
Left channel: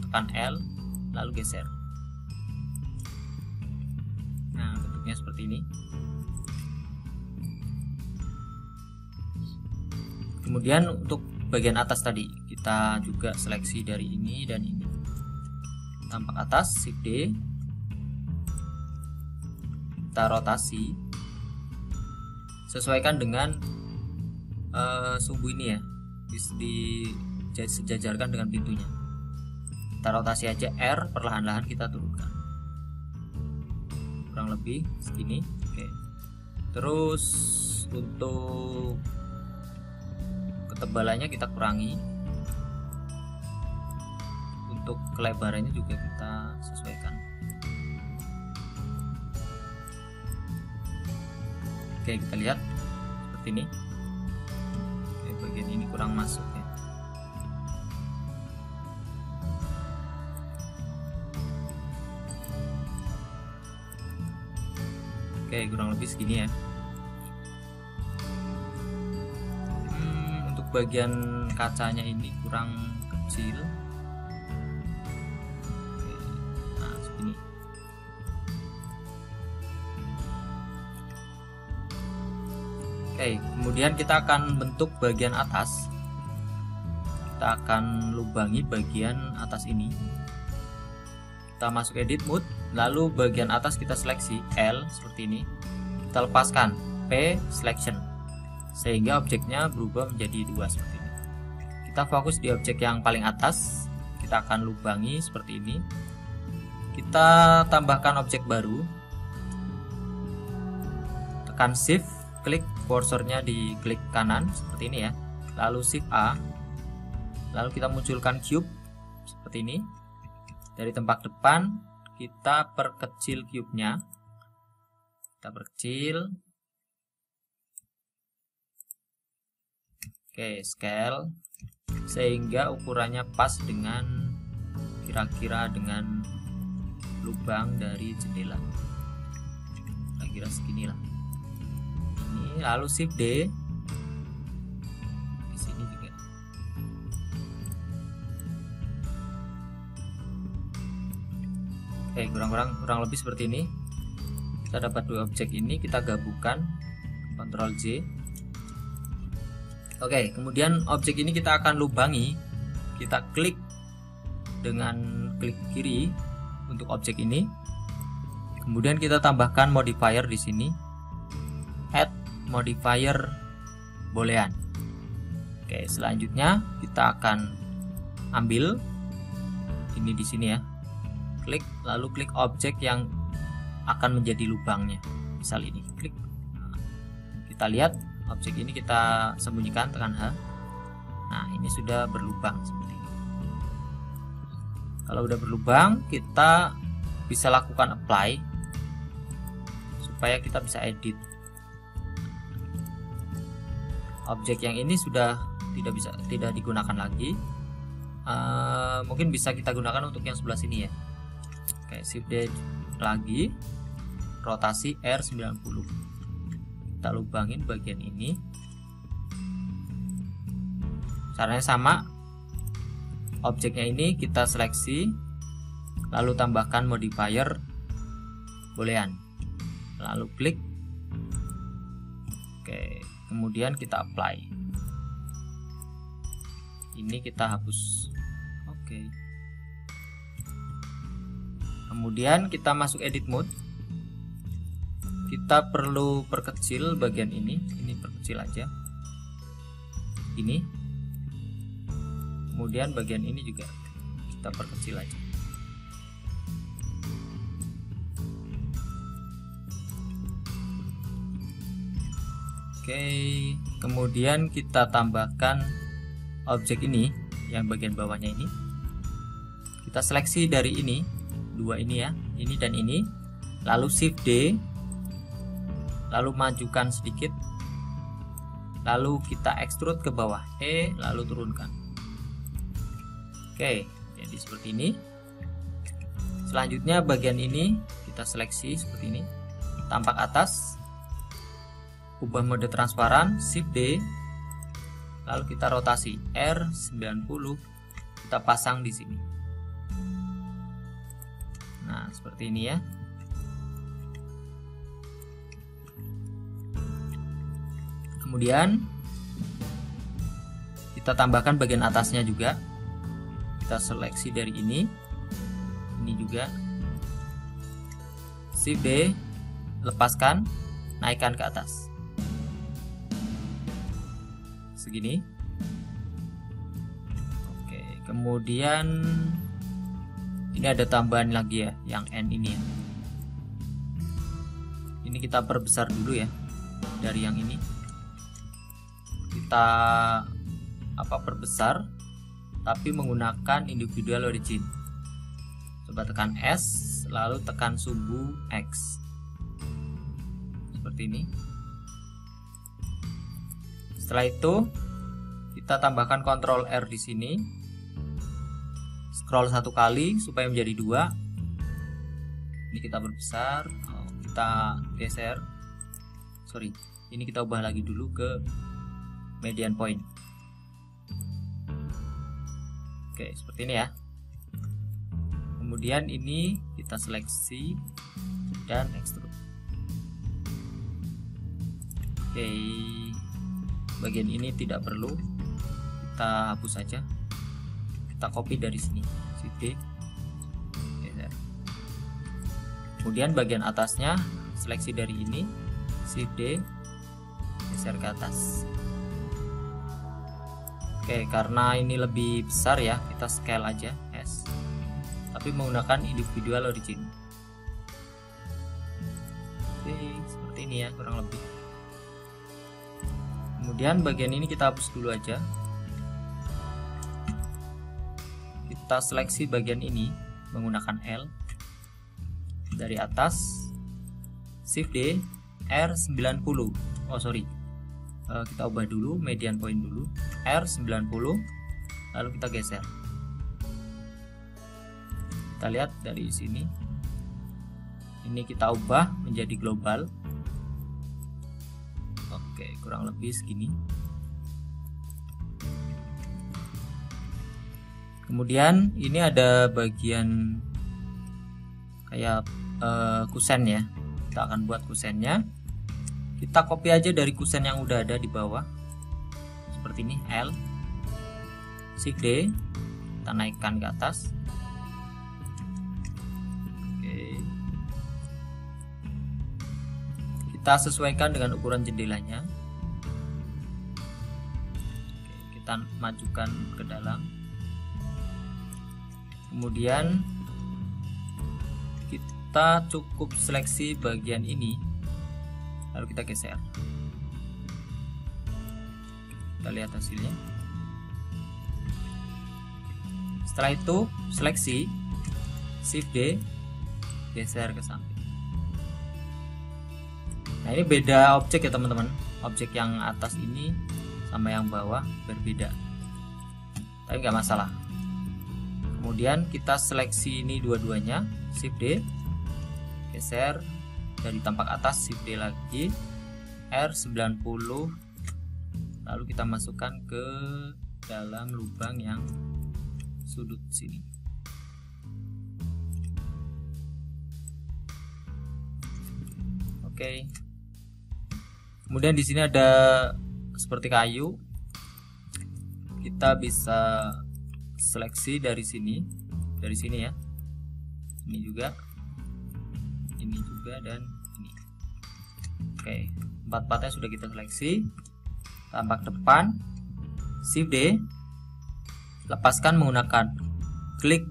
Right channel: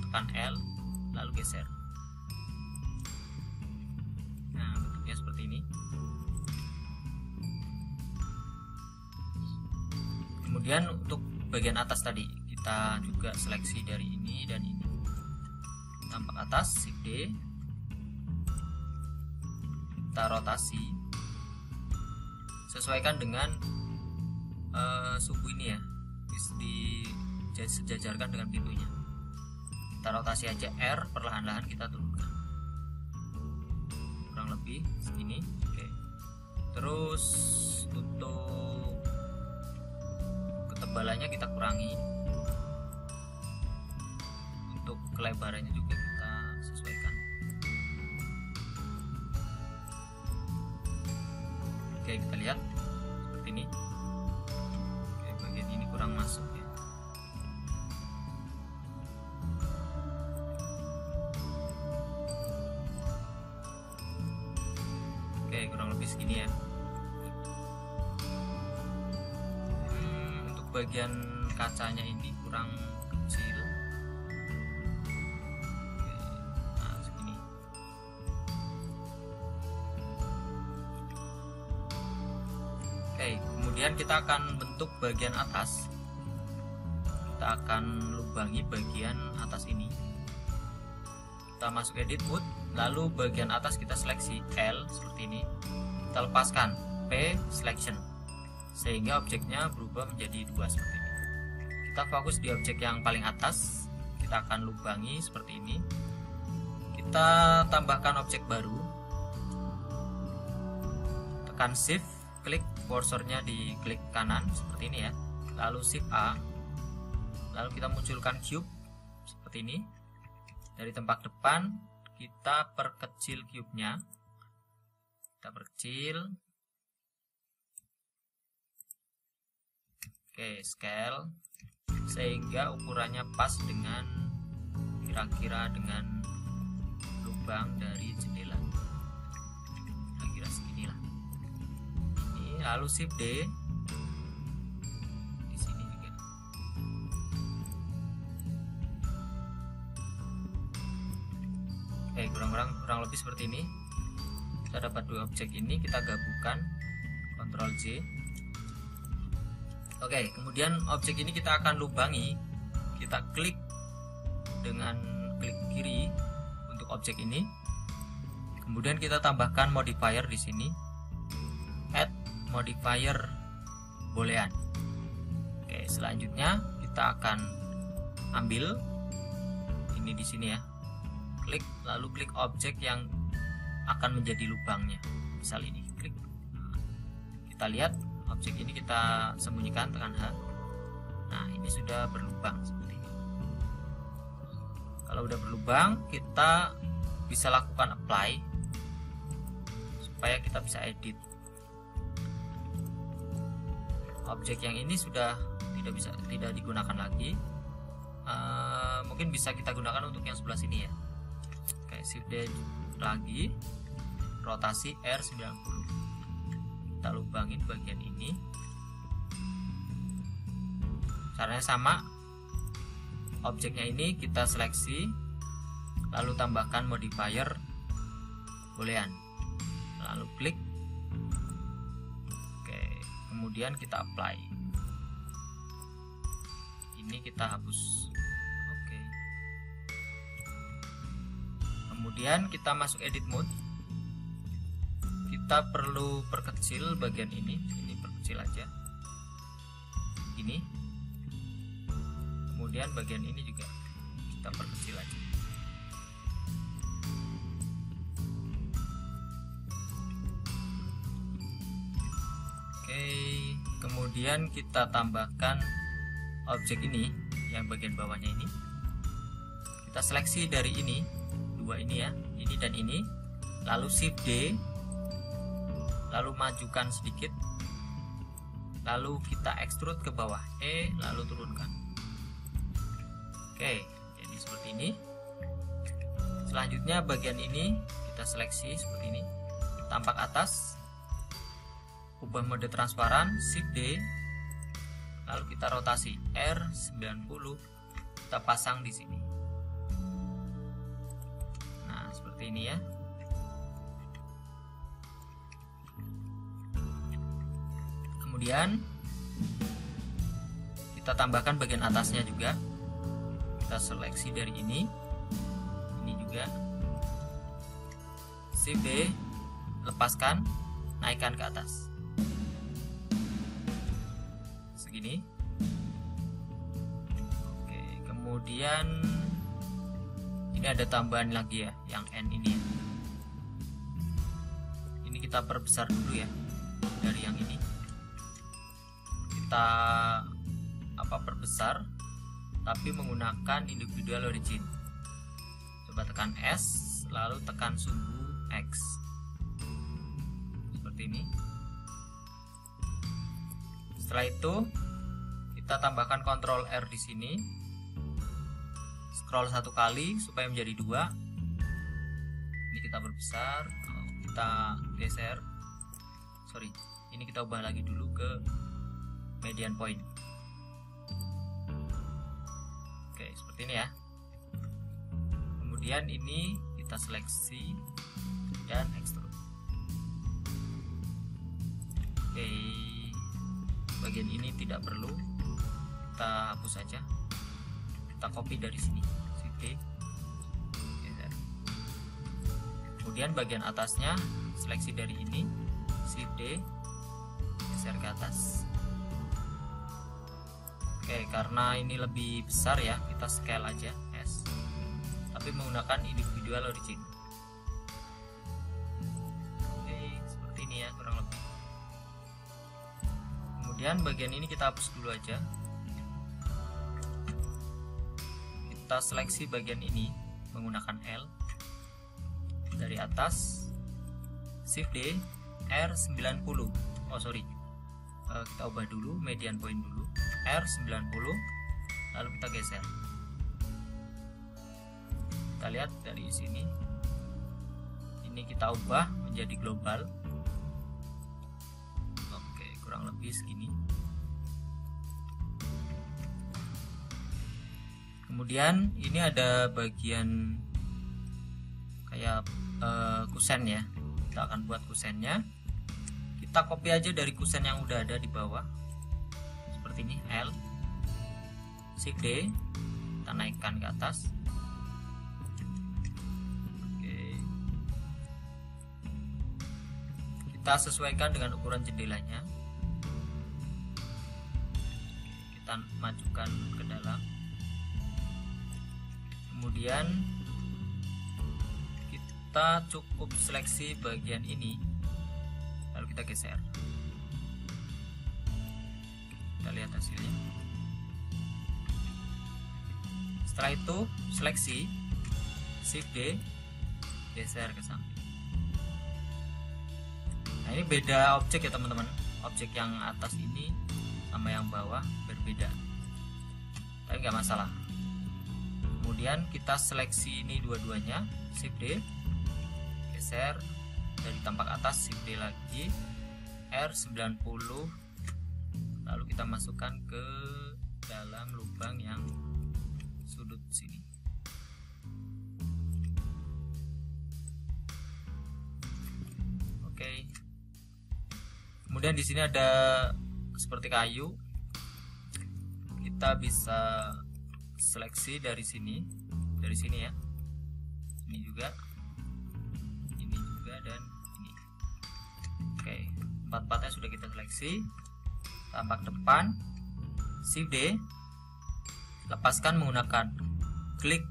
tekan L, lalu geser. Nah, bentuknya seperti ini. Kemudian untuk bagian atas tadi kita juga seleksi dari ini dan ini. Tampak atas, Shift D, kita rotasi, sesuaikan dengan sumbu ini ya, sejajarkan dengan pintunya. Kita rotasi aja R, perlahan-lahan kita turunkan, kurang lebih segini. Oke. Terus untuk ketebalannya kita kurangi, untuk kelebarannya juga kita sesuaikan. Oke, kita lihat seperti ini. Bagian ini kurang masuk ya. Oke, kurang lebih segini ya. Untuk bagian kacanya ini kurang kecil. Nah, segini. Oke, kemudian kita akan bentuk bagian atas. Kita akan lubangi bagian atas ini. Kita masuk edit mode, lalu bagian atas kita seleksi L seperti ini. Kita lepaskan P selection sehingga objeknya berubah menjadi 2 seperti ini. Kita fokus di objek yang paling atas, kita akan lubangi seperti ini. Kita tambahkan objek baru, tekan Shift, klik kursornya di klik kanan seperti ini ya, lalu Shift A, lalu kita munculkan cube seperti ini. Dari tempat depan kita perkecil cube-nya, kita perkecil. Oke, scale sehingga ukurannya pas dengan kira-kira dengan lubang dari jendela, kira-kira segini lah. Ini, lalu Shift D, di sini juga. Oke, kurang lebih seperti ini. Kita dapat 2 objek ini, kita gabungkan, Ctrl J. Oke, kemudian objek ini kita akan lubangi. Kita klik dengan klik kiri untuk objek ini. Kemudian kita tambahkan modifier di sini. Add modifier boolean. Oke, selanjutnya kita akan ambil ini di sini ya. Klik, lalu klik objek yang akan menjadi lubangnya. Misal ini, klik. Kita lihat objek ini kita sembunyikan, tekan H. Nah, ini sudah berlubang seperti ini. Kalau udah berlubang, kita bisa lakukan apply supaya kita bisa edit. Objek yang ini sudah tidak digunakan lagi. mungkin bisa kita gunakan untuk yang sebelah sini ya. Oke, Shift D lagi, rotasi R90. Kita lubangin bagian ini. Caranya sama, objeknya ini kita seleksi, lalu tambahkan modifier boolean, lalu klik. Oke, kemudian kita apply. Ini kita hapus. Oke, kemudian kita masuk edit mode. Kita perlu perkecil bagian ini perkecil aja. Ini. Kemudian bagian ini juga kita perkecil aja. Oke, kemudian kita tambahkan objek ini yang bagian bawahnya ini. Kita seleksi dari ini, dua ini ya, ini dan ini. Lalu Shift D, lalu majukan sedikit, lalu kita extrude ke bawah, lalu turunkan. Oke, jadi seperti ini. Selanjutnya bagian ini kita seleksi seperti ini, tampak atas, ubah mode transparan, Shift D, lalu kita rotasi R90, kita pasang di sini. Nah, seperti ini ya. Kemudian kita tambahkan bagian atasnya juga. Kita seleksi dari ini juga. Shift D, lepaskan, naikkan ke atas. Segini. Oke, kemudian ini ada tambahan lagi ya, yang N ini. Ini kita perbesar dulu ya, dari yang ini. Kita perbesar, tapi menggunakan individual origin. Coba tekan S, lalu tekan sumbu X. Seperti ini. Setelah itu kita tambahkan Ctrl R di sini. Scroll satu kali supaya menjadi 2. Ini kita perbesar, kita geser. Ini kita ubah lagi dulu ke median point. Oke, seperti ini ya. Kemudian ini kita seleksi dan extrude. Oke, bagian ini tidak perlu, kita hapus saja. Kita copy dari sini, Shift D. Kemudian bagian atasnya seleksi dari ini, Shift D, geser ke atas. Oke, karena ini lebih besar ya, kita scale aja S, tapi menggunakan individual origin. Oke, seperti ini ya kurang lebih. Kemudian bagian ini kita hapus dulu aja. Kita seleksi bagian ini menggunakan L dari atas, Shift D, R90. Kita ubah dulu median point dulu, R90, lalu kita geser. Kita lihat dari sini, ini kita ubah menjadi global. Oke, kurang lebih segini. Kemudian ini ada bagian kayak kusen ya, kita akan buat kusennya. Kita copy aja dari kusen yang udah ada di bawah seperti ini, L, Shift D, kita naikkan ke atas. Oke. Kita sesuaikan dengan ukuran jendelanya. Kita majukan ke dalam. Kemudian kita cukup seleksi bagian ini, lalu kita geser. Kita lihat hasilnya. Setelah itu seleksi, Shift D, geser ke samping. Nah, ini beda objek ya teman-teman. Objek yang atas ini sama yang bawah berbeda, tapi nggak masalah. Kemudian kita seleksi ini dua-duanya, Shift D, geser dari tampak atas, Shift D lagi, R90, lalu kita masukkan ke dalam lubang yang sudut sini. Oke. Kemudian di sini ada seperti kayu. Kita bisa seleksi dari sini ya. Ini juga dan ini. Oke, empat-empatnya sudah kita seleksi. Tampak depan, Shift D, lepaskan menggunakan klik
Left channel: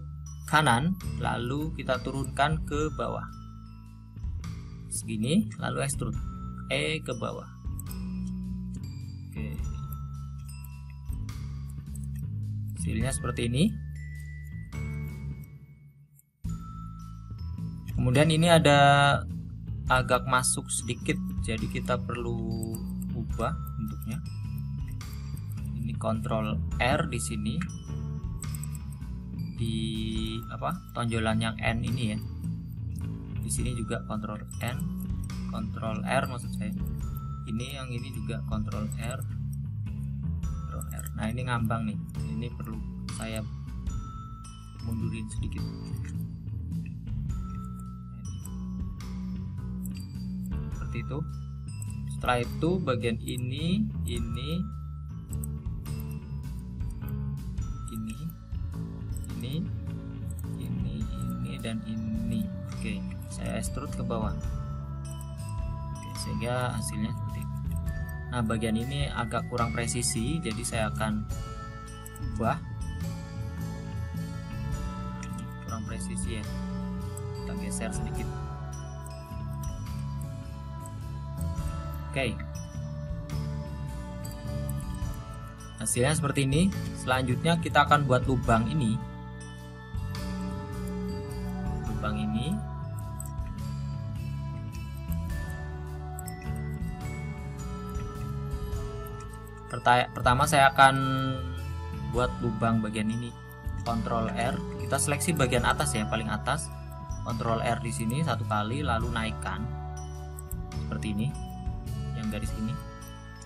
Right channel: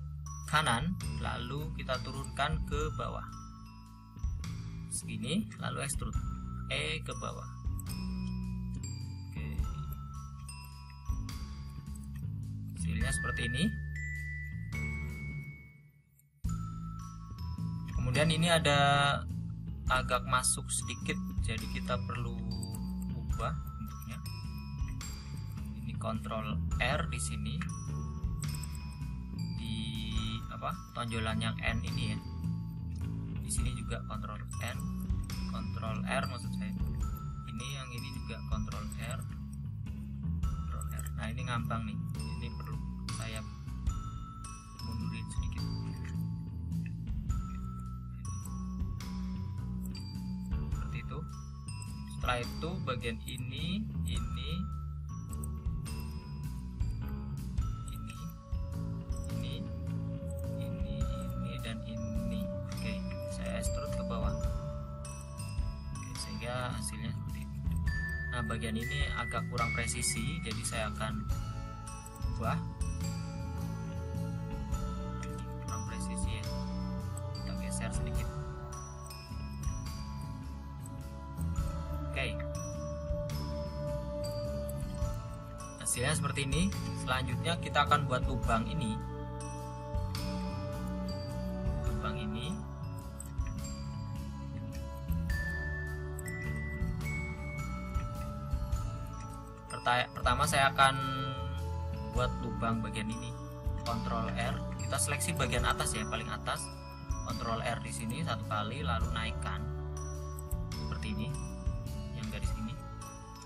kanan, lalu kita turunkan ke bawah segini, lalu extrude E ke bawah. Oke. Hasilnya seperti ini. Kemudian ini ada agak masuk sedikit, jadi kita perlu ubah bentuknya. Ini Ctrl R di sini, di tonjolan yang N ini ya. Di sini juga Ctrl N, Ctrl R maksud saya. Ini yang ini juga Ctrl R, Ctrl R. Nah ini ngambang nih, ini perlu saya mundurin sedikit. Seperti itu. Setelah itu bagian ini dan ini. Oke, saya extrude ke bawah sehingga hasilnya seperti ini. Nah bagian ini agak kurang presisi, jadi saya akan ubah. Kurang presisi ya, kita geser sedikit. Oke, hasilnya seperti ini. Selanjutnya kita akan buat lubang ini. Pertama saya akan buat lubang bagian ini. Ctrl R, kita seleksi bagian atas ya, paling atas. Ctrl R di sini satu kali, lalu naikkan seperti ini, yang garis ini.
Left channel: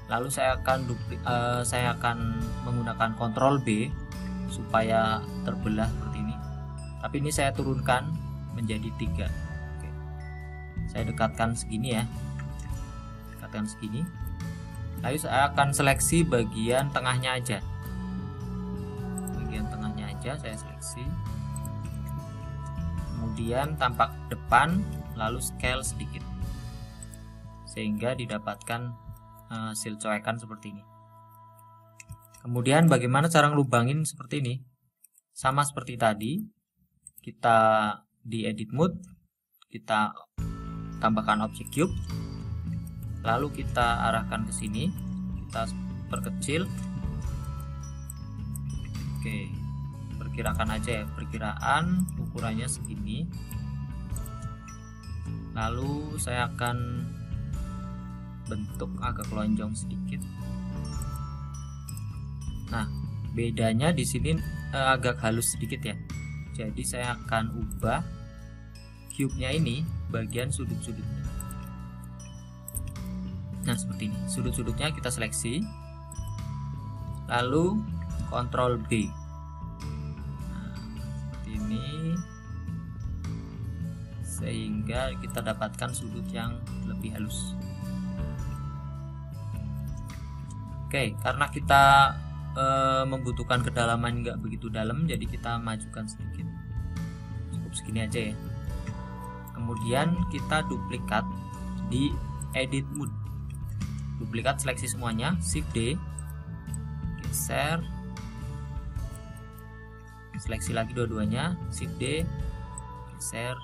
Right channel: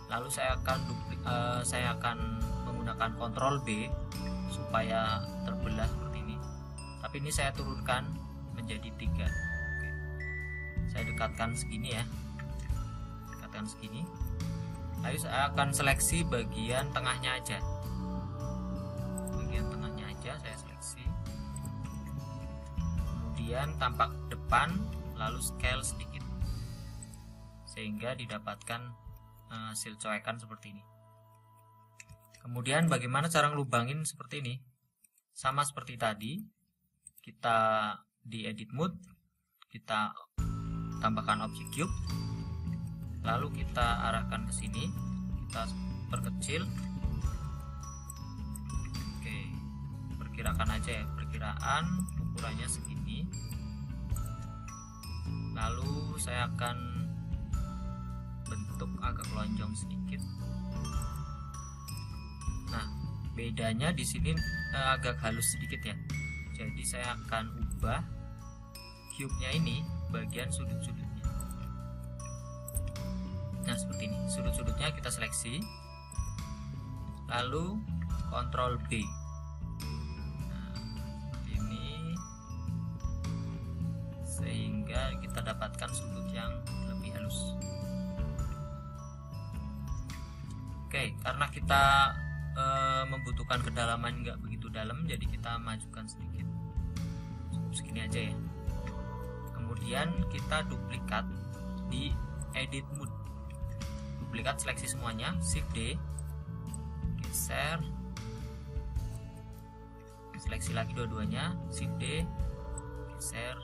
Lalu saya akan menggunakan Ctrl B supaya terbelah seperti ini. Tapi ini saya turunkan menjadi 3. Oke. Saya dekatkan segini ya, dekatkan segini. Lalu saya akan seleksi bagian tengahnya aja. Bagian tengahnya aja saya seleksi. Kemudian tampak depan, lalu scale sedikit, sehingga didapatkan hasil coekan seperti ini. Kemudian bagaimana cara ngelubangin seperti ini? Sama seperti tadi, kita di edit mode, kita tambahkan objek cube, lalu kita arahkan ke sini, kita perkecil. Oke, perkirakan aja ya, perkiraan ukurannya segini. Lalu saya akan bentuk agak lonjong sedikit. Nah, bedanya di sini agak halus sedikit ya. Jadi saya akan ubah cube-nya ini bagian sudut-sudutnya. Nah seperti ini, sudut-sudutnya kita seleksi, lalu Ctrl B. Ini sehingga kita dapatkan sudut yang lebih halus. Oke, karena kita membutuhkan kedalaman nggak begitu dalam, jadi kita majukan sedikit, cukup segini aja ya. Kemudian kita duplikat di edit mode. Duplikat, seleksi semuanya, Shift D, geser, seleksi lagi dua-duanya, Shift D, geser,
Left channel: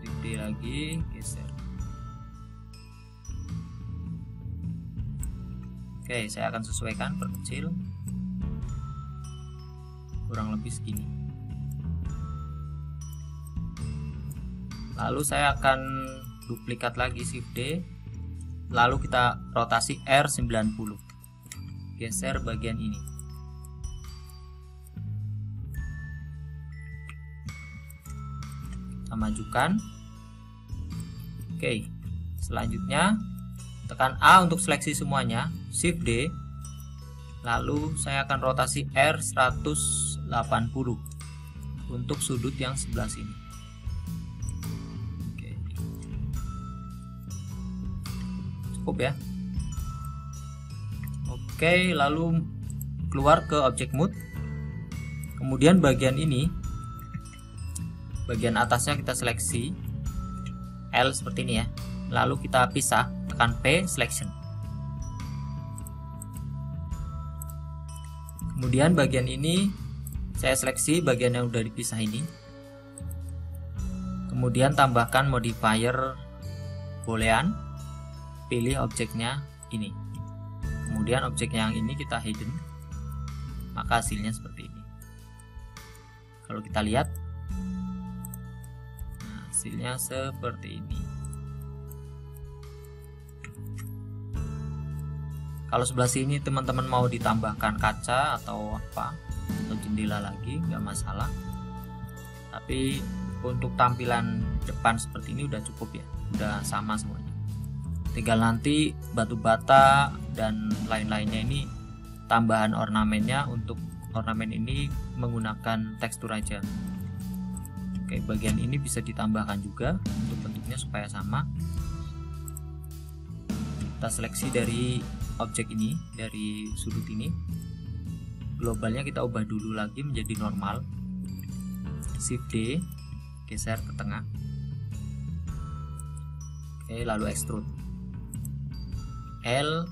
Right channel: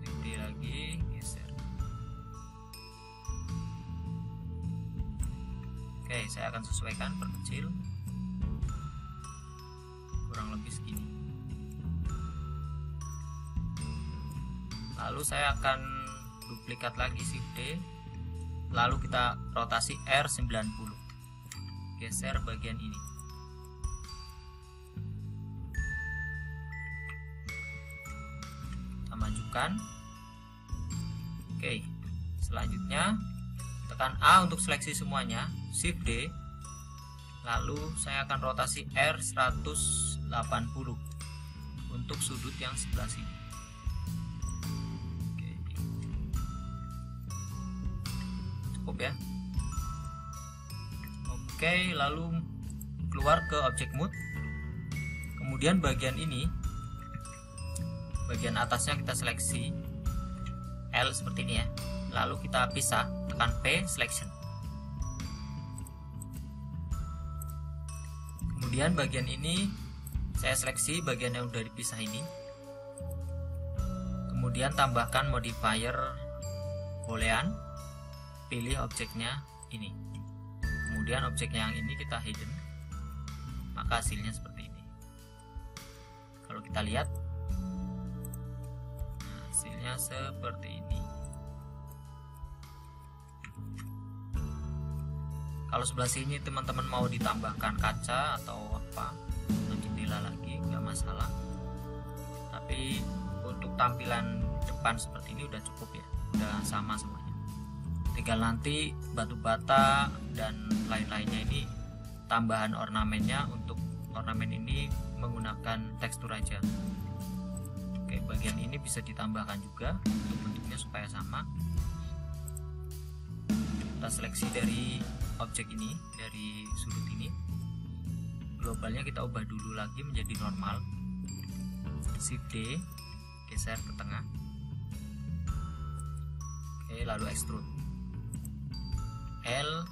Shift D lagi, geser. Oke, saya akan sesuaikan, perkecil, kurang lebih segini. Lalu saya akan duplikat lagi, Shift D, lalu kita rotasi R90, geser bagian ini. Kita majukan. Oke, selanjutnya tekan A untuk seleksi semuanya, Shift D, lalu saya akan rotasi R180 untuk sudut yang sebelah sini. Cukup ya. Oke, lalu keluar ke object mode, kemudian bagian ini, bagian atasnya kita seleksi L seperti ini ya, lalu kita pisah, tekan P, selection. Kemudian bagian ini saya seleksi bagian yang udah dipisah ini, kemudian tambahkan modifier boolean, pilih objeknya ini, kemudian objek yang ini kita hidden, maka hasilnya seperti ini. Kalau kita lihat, hasilnya seperti ini. Kalau sebelah sini teman-teman mau ditambahkan kaca atau apa, atau jendela lagi, nggak masalah. Tapi untuk tampilan depan seperti ini udah cukup ya, udah sama semua. Tinggal nanti batu bata dan lain-lainnya ini tambahan ornamennya. Untuk ornamen ini menggunakan tekstur aja. Oke, bagian ini bisa ditambahkan juga untuk bentuknya supaya sama. Kita seleksi dari objek ini, dari sudut ini, globalnya kita ubah dulu lagi menjadi normal, Shift D, geser ke tengah. Oke, lalu extrude L.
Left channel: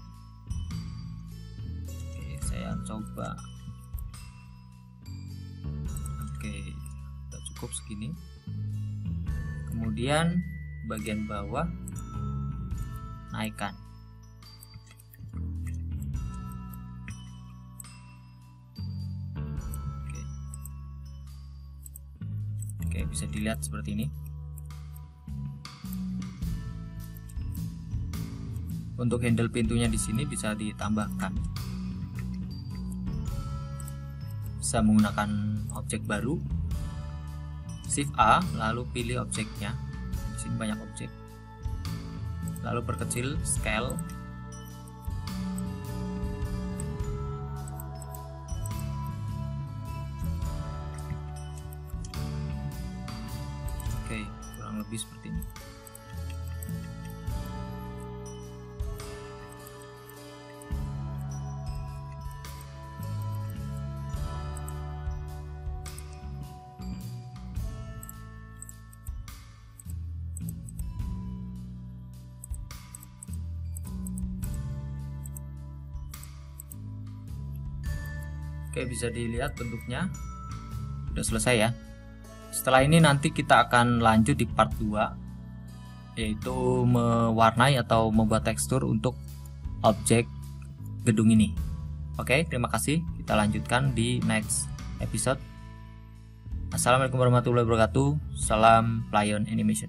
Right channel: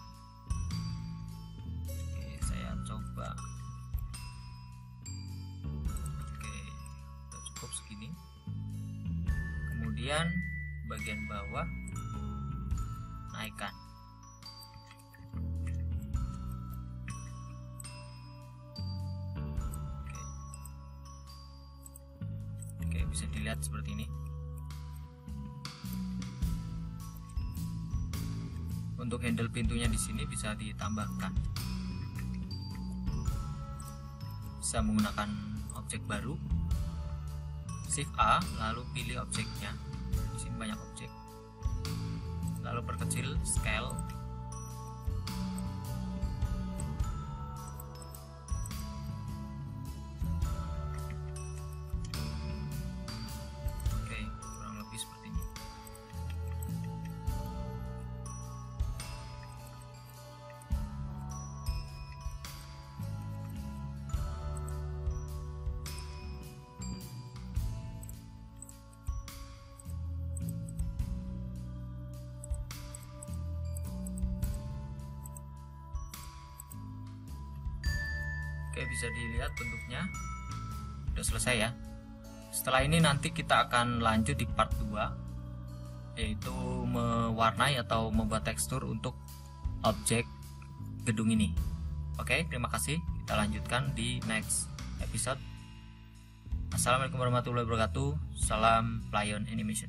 Oke, saya coba. Oke, udah cukup segini. Kemudian bagian bawah naikkan. Oke, bisa dilihat seperti ini. Untuk handle pintunya di sini bisa ditambahkan. Bisa menggunakan objek baru. Shift A, lalu pilih objeknya. Di sini banyak objek. Lalu perkecil scale. Oke, kurang lebih seperti ini. Oke, bisa dilihat bentuknya udah selesai ya. Setelah ini nanti kita akan lanjut di part 2, yaitu mewarnai atau membuat tekstur untuk objek gedung ini. Oke, terima kasih. Kita lanjutkan di next episode. Assalamualaikum warahmatullahi wabarakatuh. Salam Playon Animation.